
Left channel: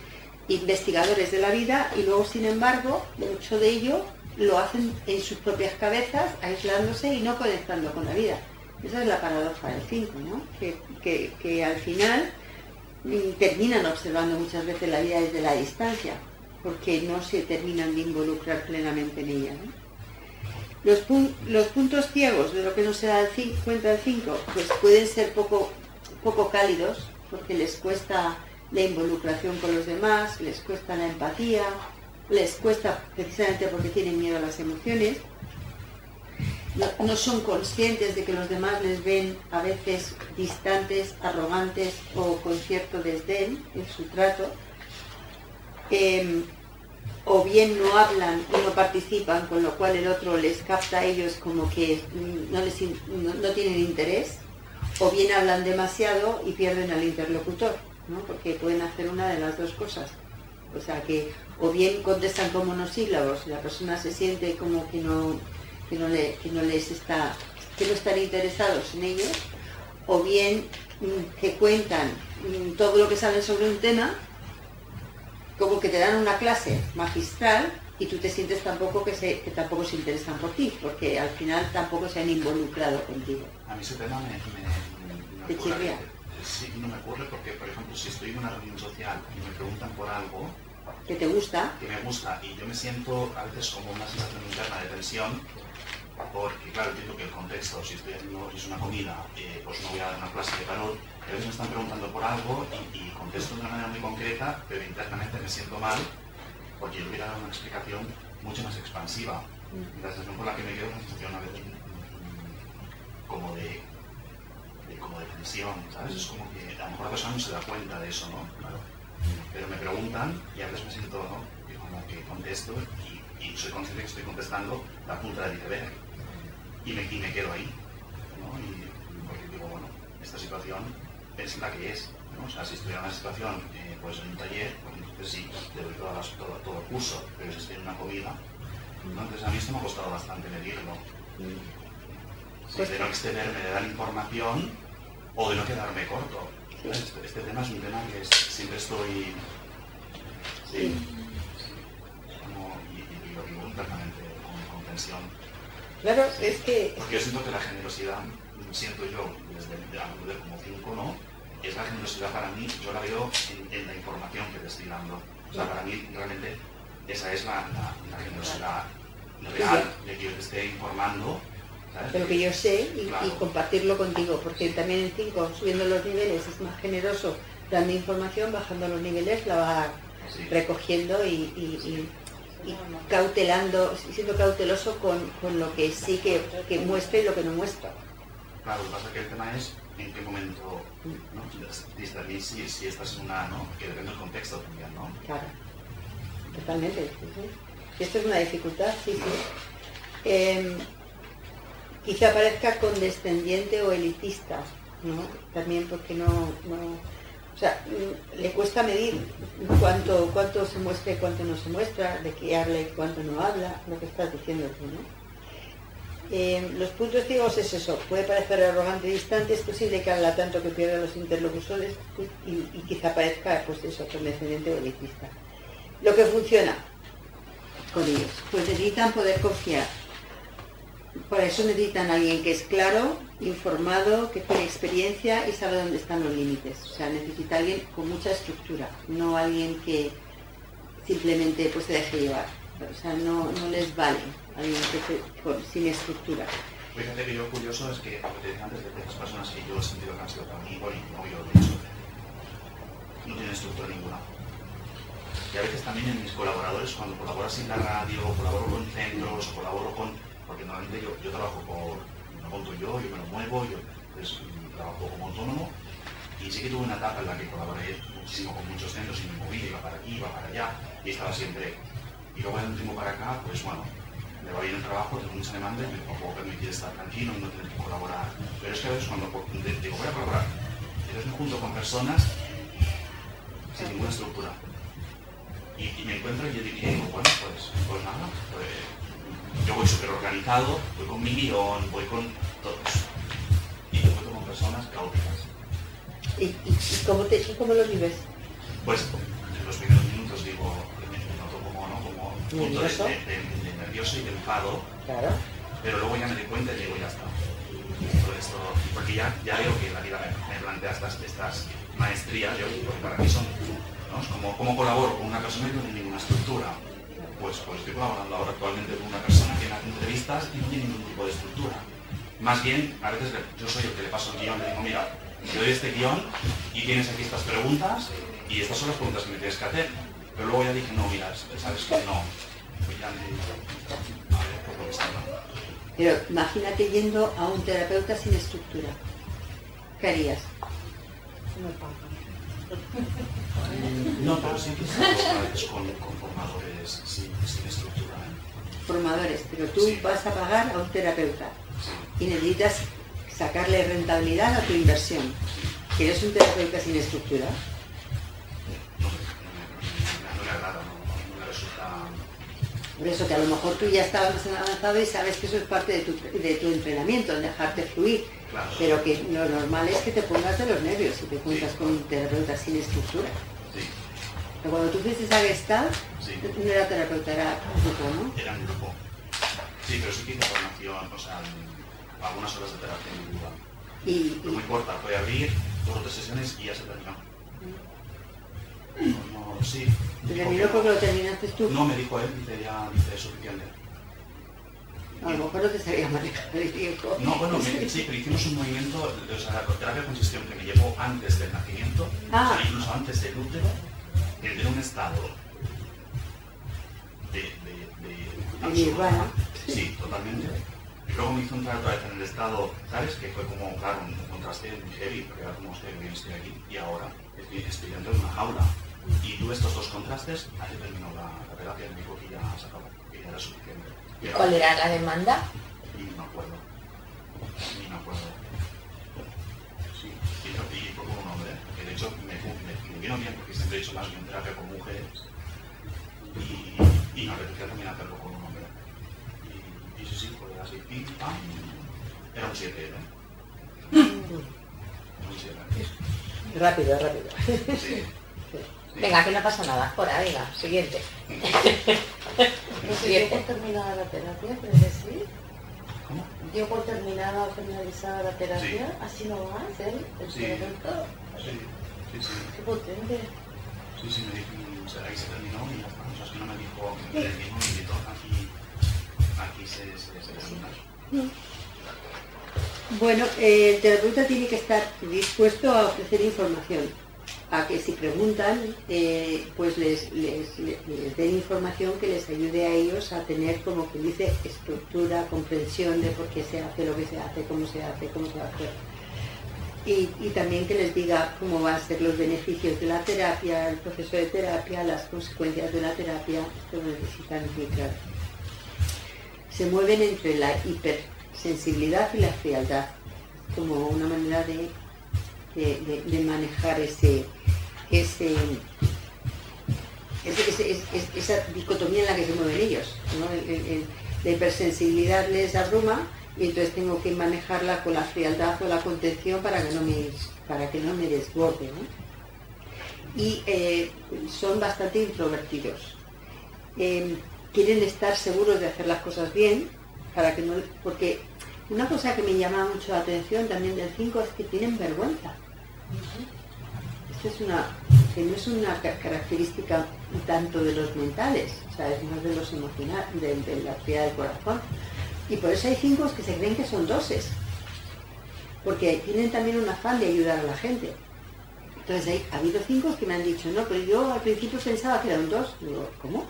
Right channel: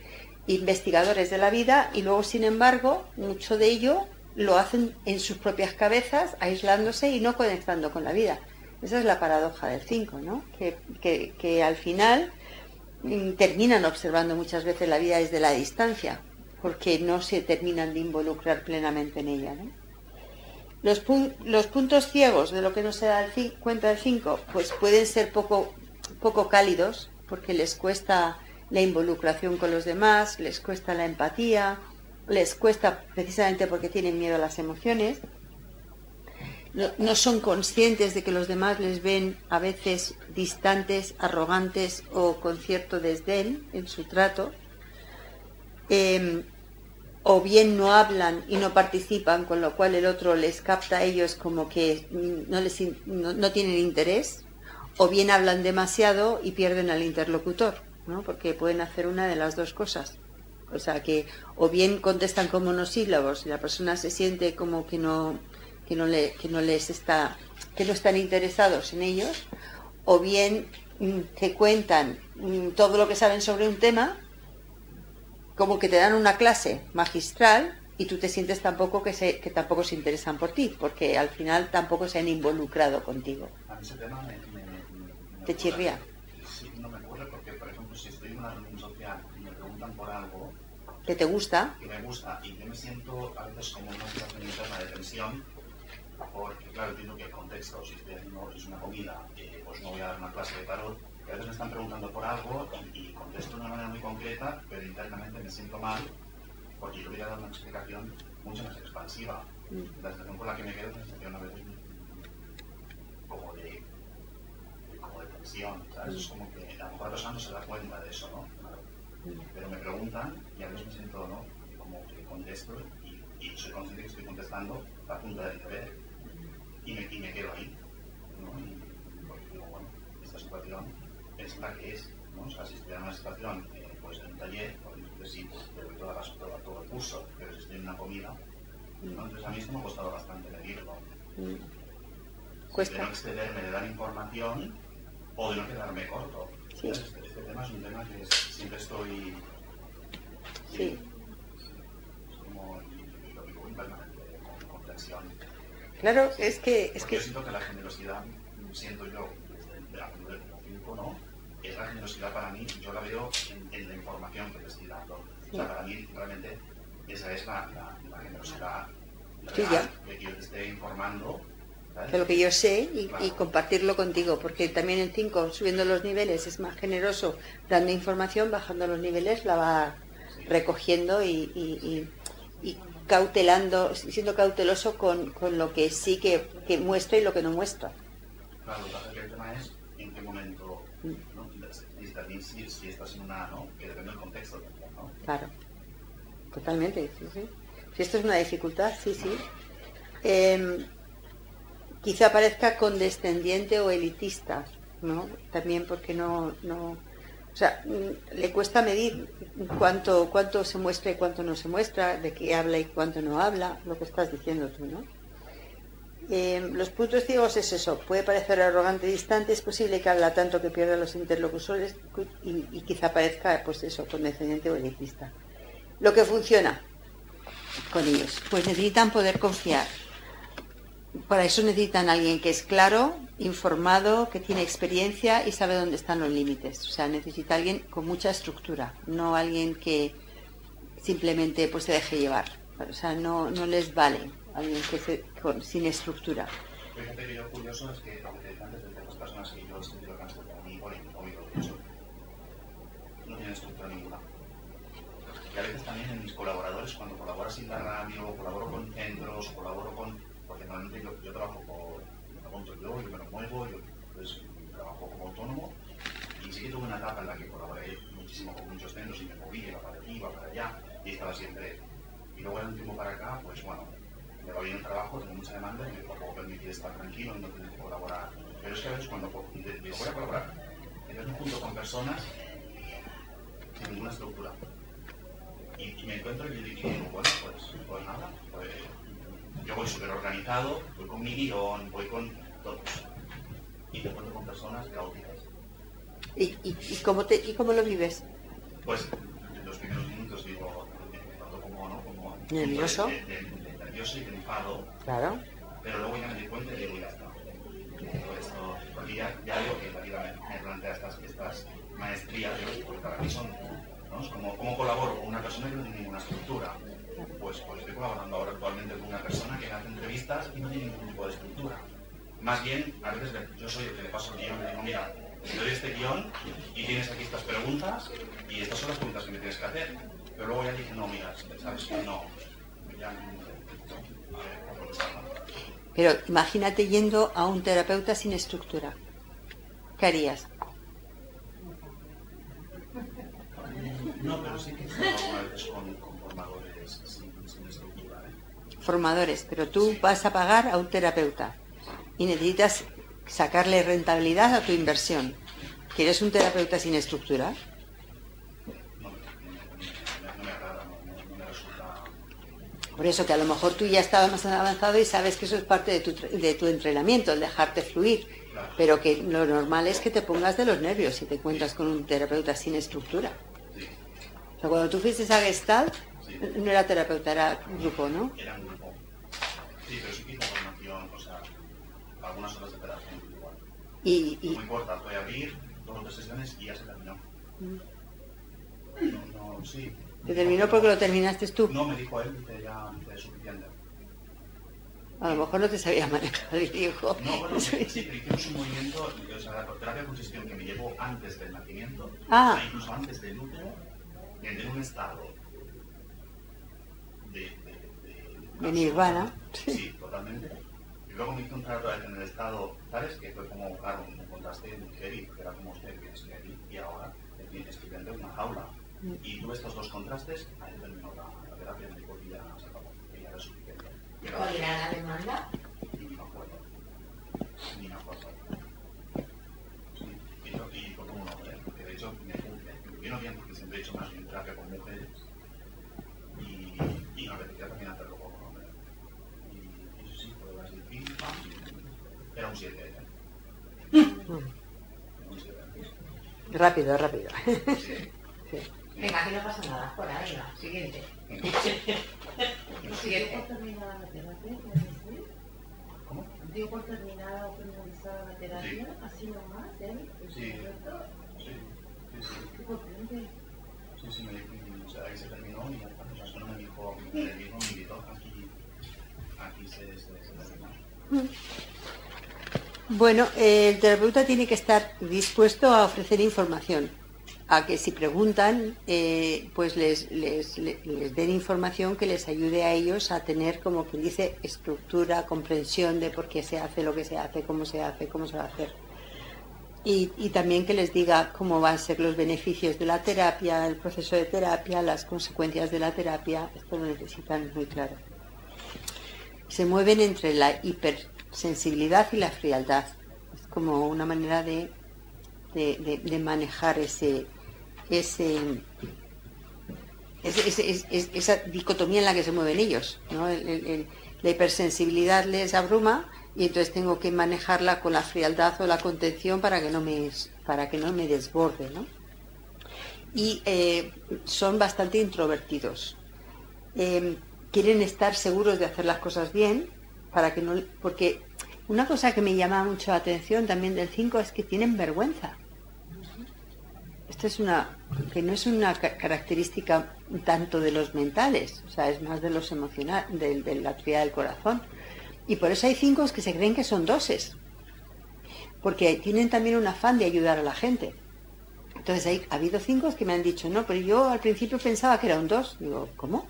investigadores de la vida, y luego sin embargo mucho de ello lo hacen en sus propias cabezas, aislándose y no conectando con la vida. Esa es la paradoja del 5, ¿no? Que al final terminan observando muchas veces la vida desde la distancia, porque no se terminan de involucrar plenamente en ella, ¿no? Los puntos ciegos de lo que no se da cuenta del 5, pues pueden ser poco cálidos, porque les cuesta la involucración con los demás, les cuesta la empatía, les cuesta precisamente porque tienen miedo a las emociones, no son conscientes de que los demás les ven a veces distantes, arrogantes o con cierto desdén en su trato, o bien no hablan y no participan, con lo cual el otro les capta a ellos como que no tienen interés, o bien hablan demasiado y pierden al interlocutor, ¿no? Porque pueden hacer una de las dos cosas. O sea que o bien contestan con monosílabos y la persona se siente como que no están interesados en ellos, o bien te cuentan todo lo que saben sobre un tema, como que te dan una clase magistral y tú te sientes tampoco que tampoco se interesan por ti, porque al final tampoco se han involucrado contigo. A mí ese tema me ¿Te chirría? Sí, no me ocurre porque, por ejemplo, si estoy en una reunión social y me preguntan por algo ¿Que te gusta? Que me gusta, y yo me siento a veces como una sensación interna de tensión, porque claro, entiendo que el contexto, si es una comida, pues no voy a dar una clase de tarot, y a veces me están preguntando por algo y contesto de una manera muy concreta, pero internamente me siento mal porque yo hubiera dado una explicación mucho más expansiva. La sensación por la que me quedo es una sensación a veces como de tensión, ¿sabes? Es como que a lo mejor la persona no se da cuenta de eso, ¿no? Claro. Pero me preguntan y a veces me siento, ¿no? Como que contesto y y soy consciente que estoy contestando la punta del iceberg y me quedo ahí, ¿no? Y porque digo, bueno, esta situación es la que es, ¿no? O sea, si estoy en una situación, pues en un taller, pues entonces sí, te doy todo el curso, pero si estoy en una comida, ¿no? Entonces a mí esto me ha costado bastante medirlo. De no excederme de dar información o de no quedarme corto. Sí. Este tema es un tema que siempre estoy... Sí. Y lo vivo internamente con tensión. Claro, sí. es que... Yo siento que la generosidad, siento yo, desde la mujer como 5, ¿no? Es la generosidad para mí, yo la veo en la información que te estoy dando. O sea, para mí realmente esa es la generosidad real, de que yo te esté informando. De lo que yo sé claro. Y compartirlo contigo, porque también el 5, subiendo los niveles, es más generoso dando información, bajando los niveles la va recogiendo y cautelando, siendo cauteloso con lo que sí que muestra y lo que no muestra. Claro, lo que pasa es que el tema es en qué momento, ¿no? Discernir si estás en una, ¿no? Que depende del contexto también, ¿no? Claro, totalmente, sí. Si esto es una dificultad, sí. Quizá parezca condescendiente o elitista, ¿no? También porque o sea, le cuesta medir cuánto se muestra y cuánto no se muestra, de qué habla y cuánto no habla, lo que estás diciendo tú, ¿no? Los puntos ciegos es eso, puede parecer arrogante y distante, es posible que habla tanto que pierda los interlocutores y quizá parezca, pues eso, condescendiente o elitista. Lo que funciona con ellos, pues necesitan poder confiar. Para eso necesitan a alguien que es claro, informado, que tiene experiencia y sabe dónde están los límites. O sea, necesita alguien con mucha estructura, no alguien que simplemente pues se deje llevar. O sea, no les vale alguien sin estructura. Fíjate que yo curioso es que, como te decía antes, de ciertas personas que yo he sentido que han sido para mí, bueno, no yo lo he dicho, no tienen estructura ninguna. Y a veces también en mis colaboradores, cuando colaboras en la radio, colaboro con centros, colaboro con... Porque normalmente yo trabajo me monto yo me lo muevo, pues, trabajo como autónomo y sí que tuve una etapa en la que colaboré muchísimo con muchos centros y me moví, iba para aquí, iba para allá y estaba siempre. Y luego de un tiempo para acá, pues bueno, me va bien el trabajo, tengo mucha demanda y me puedo permitir estar tranquilo y no tener que colaborar. Pero es que a veces cuando digo voy a colaborar, entonces me junto con personas sin ninguna estructura. Y me encuentro y yo digo, bueno, pues nada, yo voy súper organizado, voy con mi guión, voy con todos. Y me encuentro con personas caóticas. ¿Y cómo lo vives? Pues en los primeros minutos digo, me noto como un punto de nervioso y de enfado. Claro. Pero luego ya me di cuenta y digo, ya está. Esto, porque ya digo que la vida me plantea estas maestrías, porque para mí son, ¿no? Es como colaboro con una persona que no tiene ninguna estructura. Pues estoy colaborando ahora actualmente con una persona que me hace entrevistas y no tiene ningún tipo de estructura. Más bien, a veces yo soy el que le paso el guión, le digo, mira, te doy este guión y tienes aquí estas preguntas y estas son las preguntas que me tienes que hacer. Pero luego ya dije, no, mira, sabes que no. Ya por lo que está hablando. Pero imagínate yendo a un terapeuta sin estructura. ¿Qué harías? No, pero sí que estamos con formadores sin estructura. Formadores, pero tú vas a pagar a un terapeuta y necesitas sacarle rentabilidad a tu inversión. ¿Quieres un terapeuta sin estructura? No me agrada, no me resulta... Por eso que a lo mejor tú ya estabas más avanzado y sabes que eso es parte de tu entrenamiento, el dejarte fluir. Claro. Pero que lo normal es que te pongas de los nervios si te encuentras con un terapeuta sin estructura. Sí. Pero cuando tú fuiste a Gestalt, no era terapeuta, era un grupo, ¿no? Era un grupo. Sí, pero sí que hice formación, o sea, algunas horas de terapia individual. No me importa, voy a abrir 2 o 3 sesiones y ya se terminó. Sí. ¿Te terminó porque lo terminaste tú? No, me dijo él, dice suficiente. A lo mejor no te sabía manejar el tiempo. No, bueno, sí, pero hicimos un movimiento, o sea, la terapia consistió en que me llevó antes del nacimiento, o sea, incluso antes del útero, en un estado de nirvana. Sí, totalmente. Y luego me hizo entrar otra vez en el estado, ¿sabes? Que fue como, claro, un contraste muy heavy, porque era como, hostia, que bien estoy aquí, y ahora estoy dentro de una jaula. Y tuve estos 2 contrastes, ahí terminó la terapia, me dijo que ya se acabó, que ya era suficiente. Y ¿Cuál era la demanda? Y no me acuerdo. Ni me acuerdo. Sí, y fue con un hombre, que de hecho me vino bien porque siempre he hecho más bien terapia con mujeres y me apetecía también hacerlo con un hombre. Y sí, porque así, pim, pam, era un 7, ¿eh? Un 7. Rápido, rápido. Sí. Venga, que no pasa nada. Fuera, venga, siguiente. Pero si dio por terminada la terapia, ¿puedes decir? ¿Cómo? Dio por terminada o finalizada la terapia, Sí. así nomás, el Sí. terapeuta. Sí. Qué potente. Sí, me dijo, o sea, ahí se terminó y ya está. O sea, es que no me dijo, me invitó, aquí se termina. Bueno, el terapeuta tiene que estar dispuesto a ofrecer información, a que si preguntan, pues les den información que les ayude a ellos a tener, como quien dice, estructura, comprensión de por qué se hace lo que se hace, cómo se va a hacer. Y también que les diga cómo van a ser los beneficios de la terapia, el proceso de terapia, las consecuencias de la terapia. Esto lo necesitan muy claro. Se mueven entre la hipersensibilidad y la frialdad. Es como una manera de manejar esa dicotomía en la que se mueven ellos, ¿no? La hipersensibilidad les abruma y entonces tengo que manejarla con la frialdad o la contención para que no me desborde, ¿no? Y son bastante introvertidos. Quieren estar seguros de hacer las cosas bien, porque una cosa que me llama mucho la atención también del 5 es que tienen vergüenza. Esto que no es una característica tanto de los mentales, o sea, es más de los emocionales, de la actividad del corazón. Y por eso hay 5 que se creen que son 2, porque tienen también un afán de ayudar a la gente. Entonces ha habido 5 que me han dicho, no, pero yo al principio pensaba que era un 2. Digo, ¿cómo?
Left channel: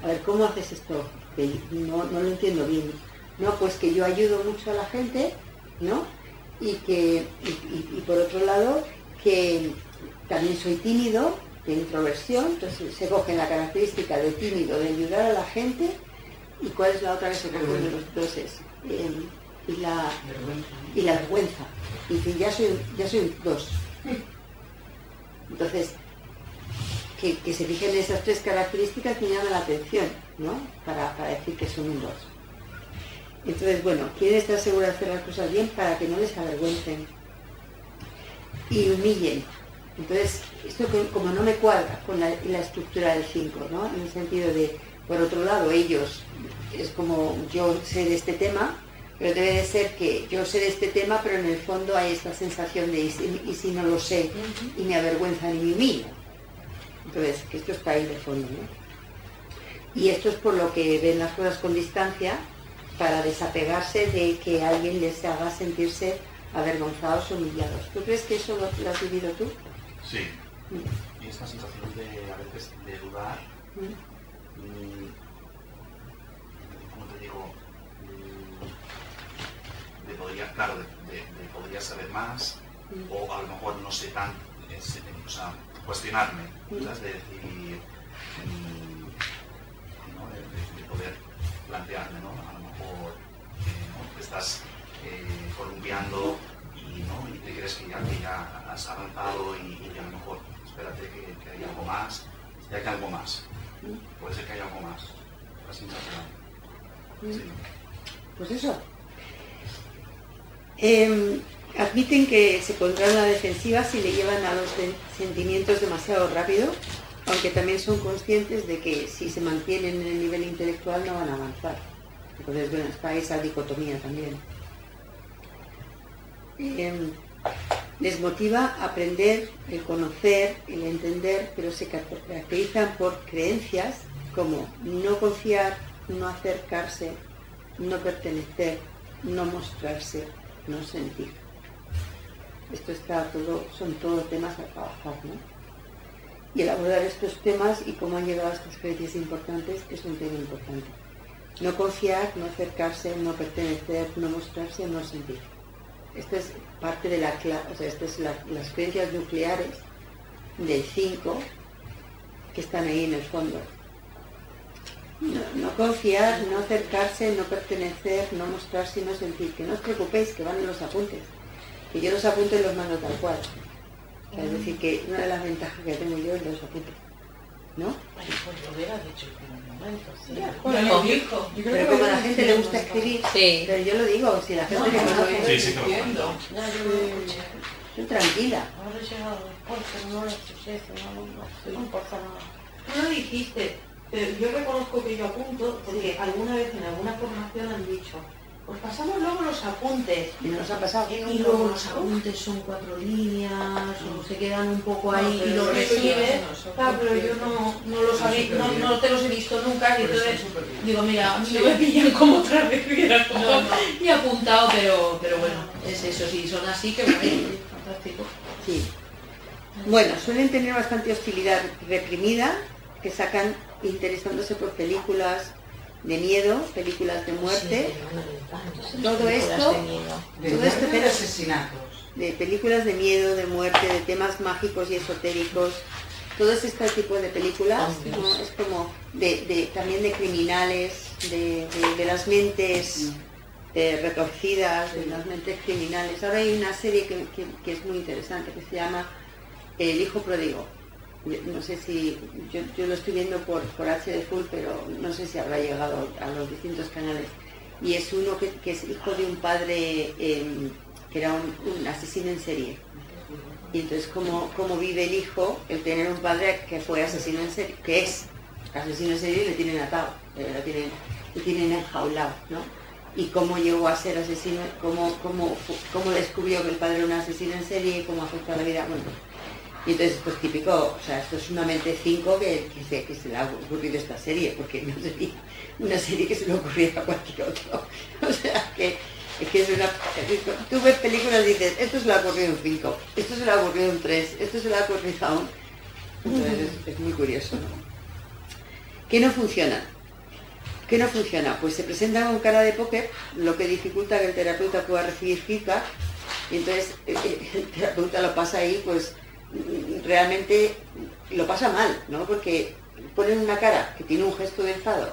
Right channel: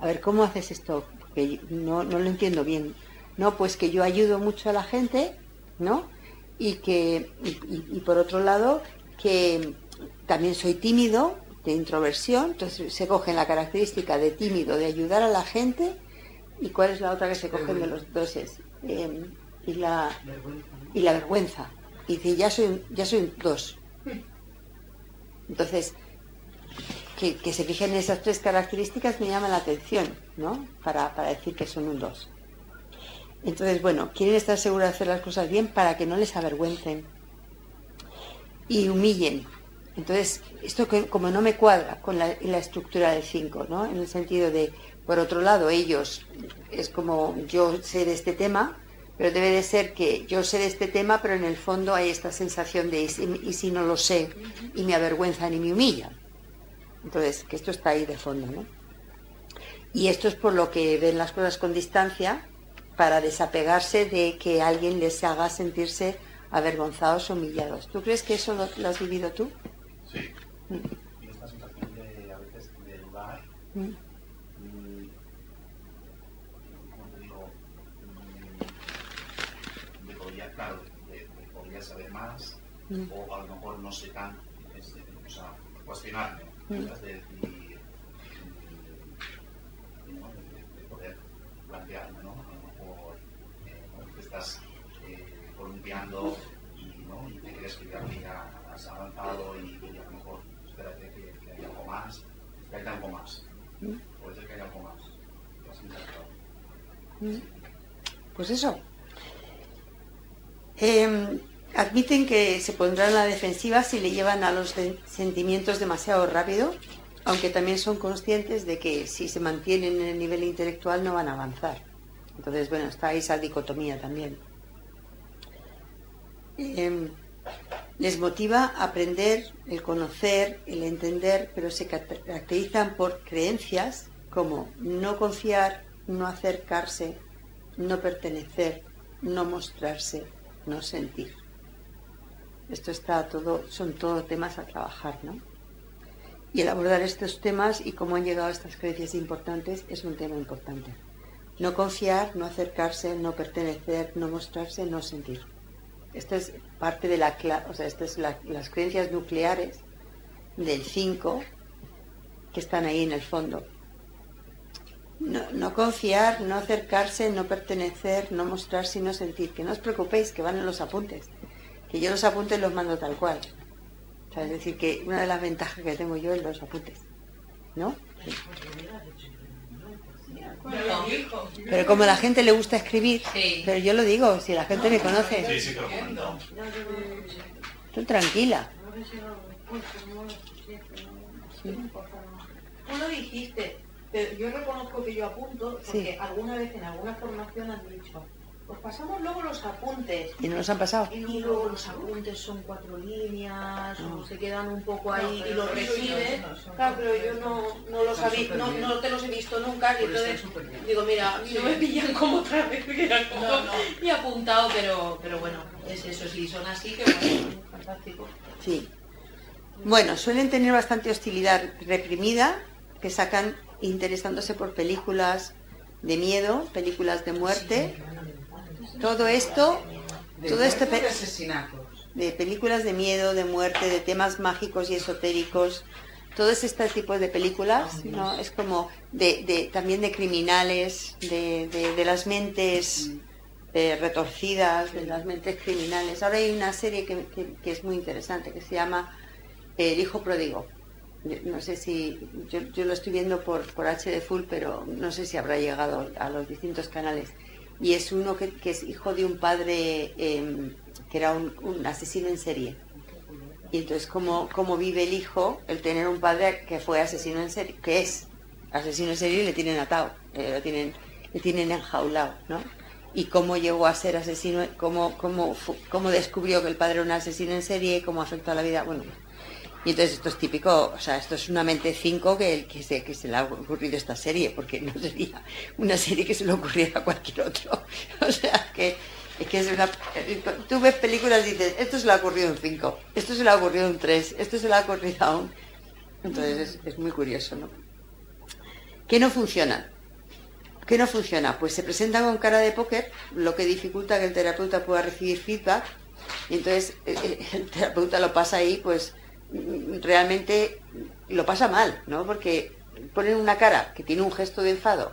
A ver, ¿cómo haces esto? Que no lo entiendo bien. No, pues que yo ayudo mucho a la gente, ¿no? Y por otro lado, que también soy tímido, de introversión, entonces se coge la característica de tímido, de ayudar a la gente, ¿y cuál es la otra que se coge de los 2? Y la vergüenza. Y que ya soy un 2. Entonces, que se fijen en esas 3 características me llama la atención, ¿no? Para decir que son un 2. Entonces, bueno, quieren estar seguros de hacer las cosas bien para que no les avergüencen y humillen. Entonces, esto como no me cuadra con la estructura del 5, ¿no? En el sentido de, por otro lado, ellos, es como yo sé de este tema, pero debe de ser que yo sé de este tema, pero en el fondo hay esta sensación de, ¿y si no lo sé? Y me avergüenzan y me humillan. Entonces, que esto está ahí de fondo, ¿no? Y esto es por lo que ven las cosas con distancia, para desapegarse de que alguien les haga sentirse avergonzados o humillados. ¿Tú crees que eso lo has vivido tú? Sí. Y esta sensación a veces de dudar, ¿cómo te digo? De podría saber más, o a lo mejor no sé tan, o sea, cuestionarme, ¿sabes? De decir, ¿no? de poder plantearme, ¿no? A lo mejor ¿no? Te estás columpiando y te crees que ya has avanzado y a lo mejor espérate que hay algo más, y hay algo más, puede ser que haya algo más, la sensación. Sí. Pues eso. Admiten que se pondrán a la defensiva si le llevan a los sentimientos demasiado rápido, aunque también son conscientes de que si se mantienen en el nivel intelectual no van a avanzar. Entonces, bueno, está esa dicotomía también. Les motiva aprender, el conocer, el entender, pero se caracterizan por creencias como no confiar, no acercarse, no pertenecer, no mostrarse, no sentir. Esto son todos temas a trabajar, ¿no? Y el abordar estos temas y cómo han llegado a estas creencias importantes es un tema importante. No confiar, no acercarse, no pertenecer, no mostrarse, no sentir. Esta es parte de las creencias nucleares del 5 que están ahí en el fondo. No confiar, no acercarse, no pertenecer, no mostrar sino sentir. Que no os preocupéis, que van en los apuntes. Que yo los apuntes los mando tal cual. O sea, es decir, que una de las ventajas que tengo yo es los apuntes. ¿No? Pues lo hubiera dicho en un momento, sí. Bueno, me dijo. Pero como a la gente le gusta escribir, Sí. pero yo lo digo, si la gente me conoce, Sí, sí que lo comentó. Ya yo lo escuché. estoy tranquila. Habré llegado después, pero no lo escuché, no pasa nada. No lo dijiste, pero yo reconozco que yo apunto porque alguna vez en alguna formación han dicho, pues pasamos luego los apuntes. Y no nos han pasado. Y luego los apuntes son 4 líneas o se quedan un poco ahí y los recibes. Claro, pero yo no los había, no te los he visto nunca y entonces digo, mira, a mí no me pillan como otra vez hubiera y apuntado, pero bueno, es eso, si son así, que bueno, fantástico. Sí. Bueno, suelen tener bastante hostilidad reprimida, que sacan interesándose por películas de miedo, películas de muerte, todo esto, todo esto de asesinatos. de películas de miedo, de muerte, de temas mágicos y esotéricos, todos estos tipos de películas, ¿no? Es como también de criminales, de las mentes retorcidas, de las mentes criminales. Ahora hay una serie que es muy interesante, que se llama El hijo pródigo. No sé si, yo lo estoy viendo por HD Full, pero no sé si habrá llegado a los distintos canales. Y es uno que es hijo de un padre que era un asesino en serie. Y entonces cómo vive el hijo, el tener un padre que fue asesino en serie, que es asesino en serie y le tienen atado, le tienen enjaulado, ¿no? Y cómo llegó a ser asesino, cómo descubrió que el padre era un asesino en serie y cómo afectó a la vida, bueno. Y entonces esto es típico, o sea, esto es una mente 5 que se le ha ocurrido esta serie, porque no sería una serie que se le ocurriera a cualquier otro. O sea, que es una... Tú ves películas y dices, esto se le ha ocurrido un 5, esto se le ha ocurrido un 3, esto se le ha ocurrido a un... Entonces es muy curioso, ¿no? ¿Qué no funciona? ¿Qué no funciona? Pues se presentan con cara de póker, lo que dificulta que el terapeuta pueda recibir feedback, y entonces el terapeuta lo pasa ahí, pues realmente lo pasa mal, ¿no? Porque ponen una cara que tiene un gesto de enfado,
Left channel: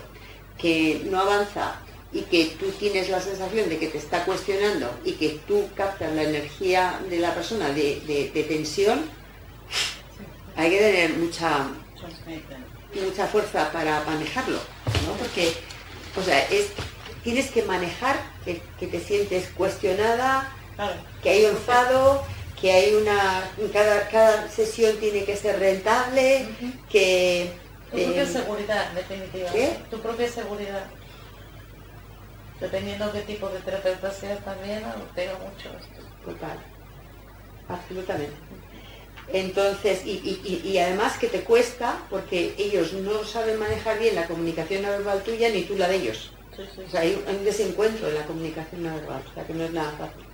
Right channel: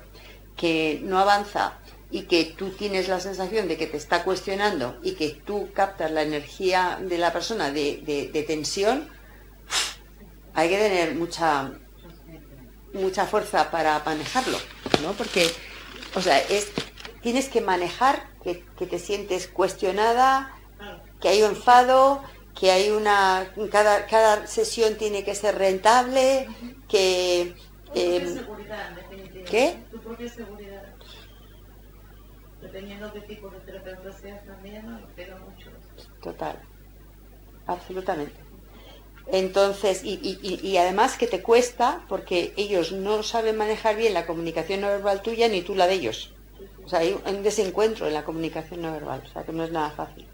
que no avanza y que tú tienes la sensación de que te está cuestionando y que tú captas la energía de la persona de tensión, hay que tener mucha fuerza para manejarlo, ¿no? Porque, o sea, tienes que manejar que te sientes cuestionada, que hay enfado, que hay cada sesión tiene que ser rentable, que... Tu propia seguridad, definitivamente. ¿Qué? Tu propia seguridad. Dependiendo de qué tipo de terapeuta seas también, pega mucho esto. Total, absolutamente. Entonces, y además que te cuesta, porque ellos no saben manejar bien la comunicación no verbal tuya ni tú la de ellos. Sí, sí. O sea, hay un desencuentro en la comunicación no verbal, o sea, que no es nada fácil.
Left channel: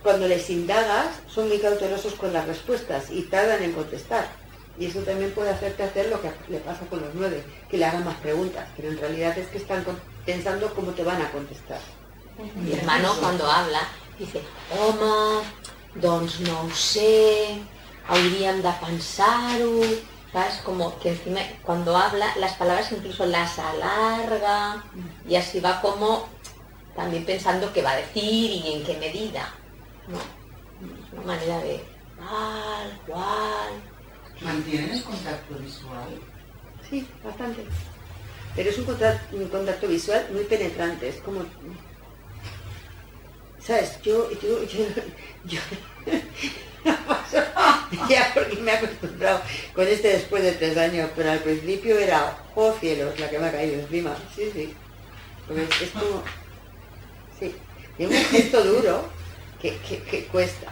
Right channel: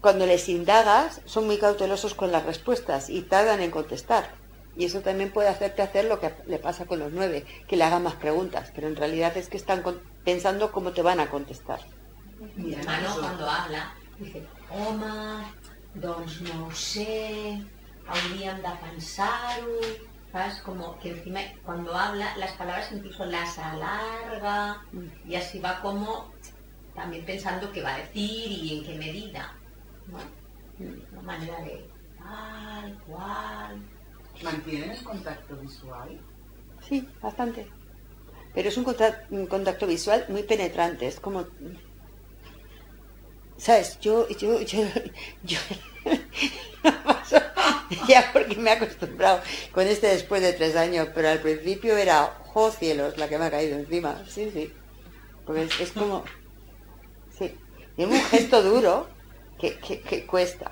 Cuando les indagas, son muy cautelosos con las respuestas y tardan en contestar. Y eso también puede hacerte hacer lo que le pasa con los 9, que le hagan más preguntas, pero en realidad es que están pensando cómo te van a contestar. Mi hermano cuando habla dice, home, doncs no ho sé, hauríem de pensar-ho, ¿sabes? Como que encima cuando habla las palabras incluso las alarga y así va como también pensando qué va a decir y en qué medida, ¿no? Es una manera de tal, cual. ¿Mantienes contacto visual? Sí, bastante. Pero es un contacto visual muy penetrante, es como... ¿Sabes? Yo ya porque me he acostumbrado con después de 3 años, pero al principio era, ¡oh cielos!, la que me ha caído encima. Sí, sí. Pues es como... Sí, es un gesto duro que cuesta.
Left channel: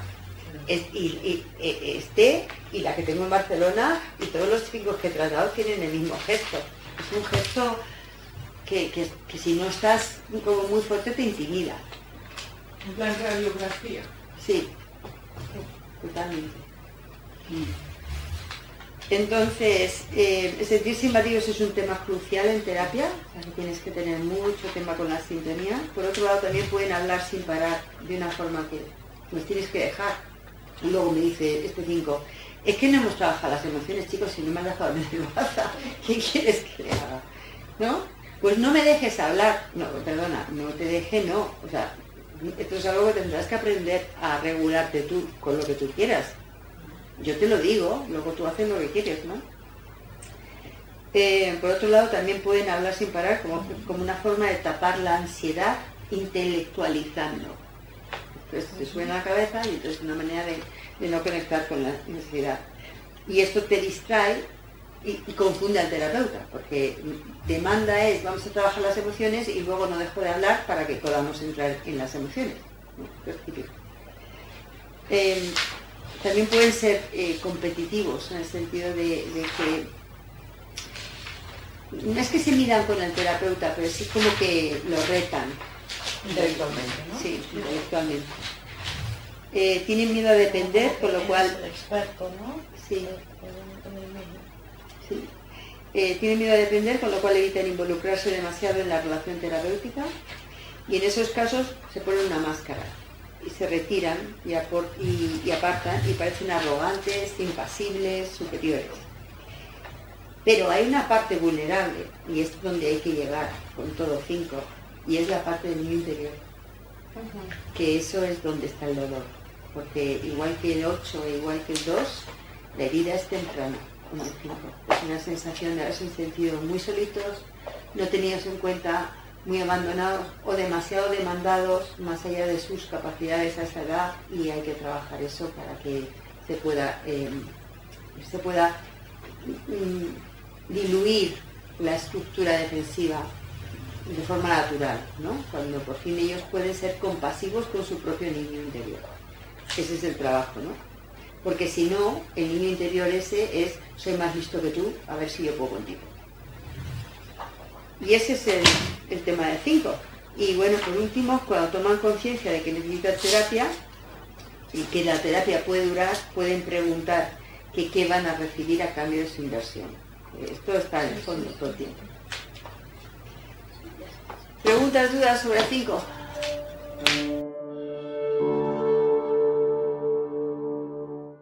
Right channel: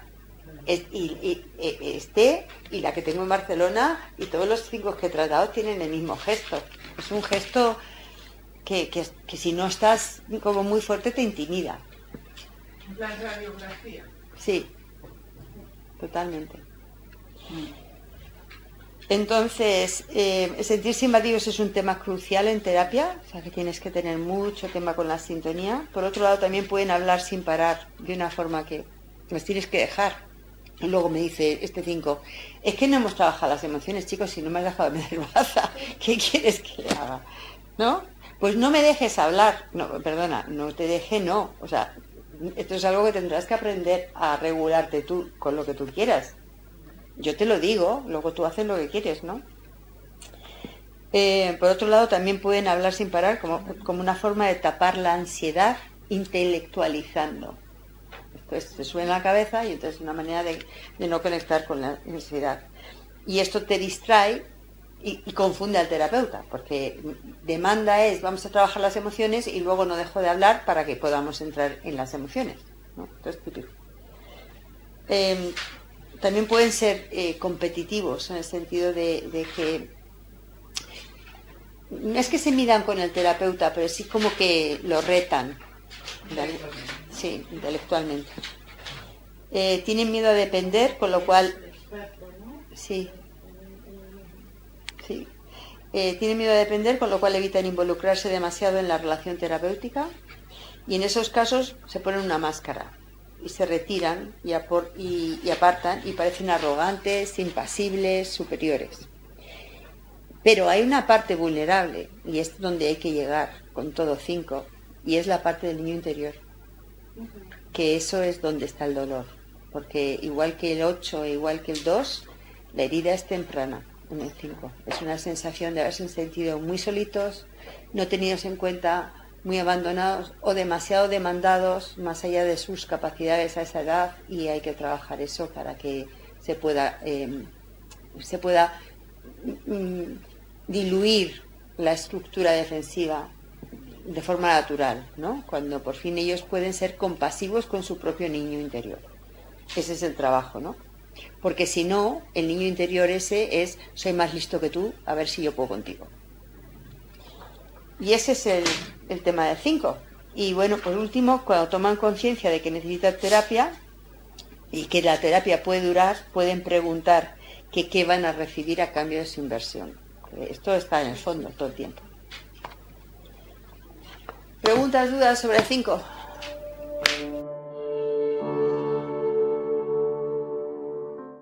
Y la que tengo en Barcelona y todos los 5 que he tratado tienen el mismo gesto. Es un gesto que si no estás como muy fuerte te intimida. La radiografía. Sí, totalmente. Entonces, sentirse invadidos es un tema crucial en terapia, o sea que tienes que tener mucho tema con la sintonía. Por otro lado, también pueden hablar sin parar, de una forma que los tienes que dejar. Y luego me dice este 5, Es que no hemos trabajado las emociones, chicos, si no me has dejado meter baza. ¿Qué quieres que le haga? ¿No? Pues no me dejes hablar. No, perdona, no te deje, no. O sea, esto es algo que tendrás que aprender a regularte tú con lo que tú quieras. Yo te lo digo, luego tú haces lo que quieres, ¿no? Por otro lado, también pueden hablar sin parar como una forma de tapar la ansiedad intelectualizando. Entonces te suena la cabeza y entonces es una manera de no conectar con la ansiedad. Y esto te distrae y confunde al terapeuta, porque demanda es vamos a trabajar las emociones y luego no dejo de hablar para que podamos entrar en las emociones, ¿no? Esto es típico. También pueden ser competitivos en el sentido de que no es que se midan con el terapeuta, pero sí como que lo retan. Intelectualmente, ¿no? Sí, intelectualmente. Tienen miedo a depender, con lo cual... Experto, ¿no? Sí. Sí. Tienen miedo a depender, con lo cual evitan involucrarse demasiado en la relación terapéutica y en esos casos se ponen una máscara y se retiran y apartan y parecen arrogantes, impasibles, superiores. Pero hay una parte vulnerable y es donde hay que llegar con todo 5 y es la parte del niño interior, que eso es donde está el dolor, porque igual que el 8, igual que el 2, la herida es temprana. En el 5. Es una sensación de haberse sentido muy solitos, no tenidos en cuenta, muy abandonados o demasiado demandados más allá de sus capacidades a esa edad y hay que trabajar eso para que se pueda diluir la estructura defensiva de forma natural, ¿no? Cuando por fin ellos pueden ser compasivos con su propio niño interior. Ese es el trabajo, ¿no? Porque si no, el niño interior ese es, soy más listo que tú, a ver si yo puedo contigo. Y ese es el tema del 5. Y bueno, por último, cuando toman conciencia de que necesitan terapia y que la terapia puede durar, pueden preguntar que qué van a recibir a cambio de su inversión. Esto está en el fondo todo el tiempo. ¿Preguntas, dudas sobre el 5?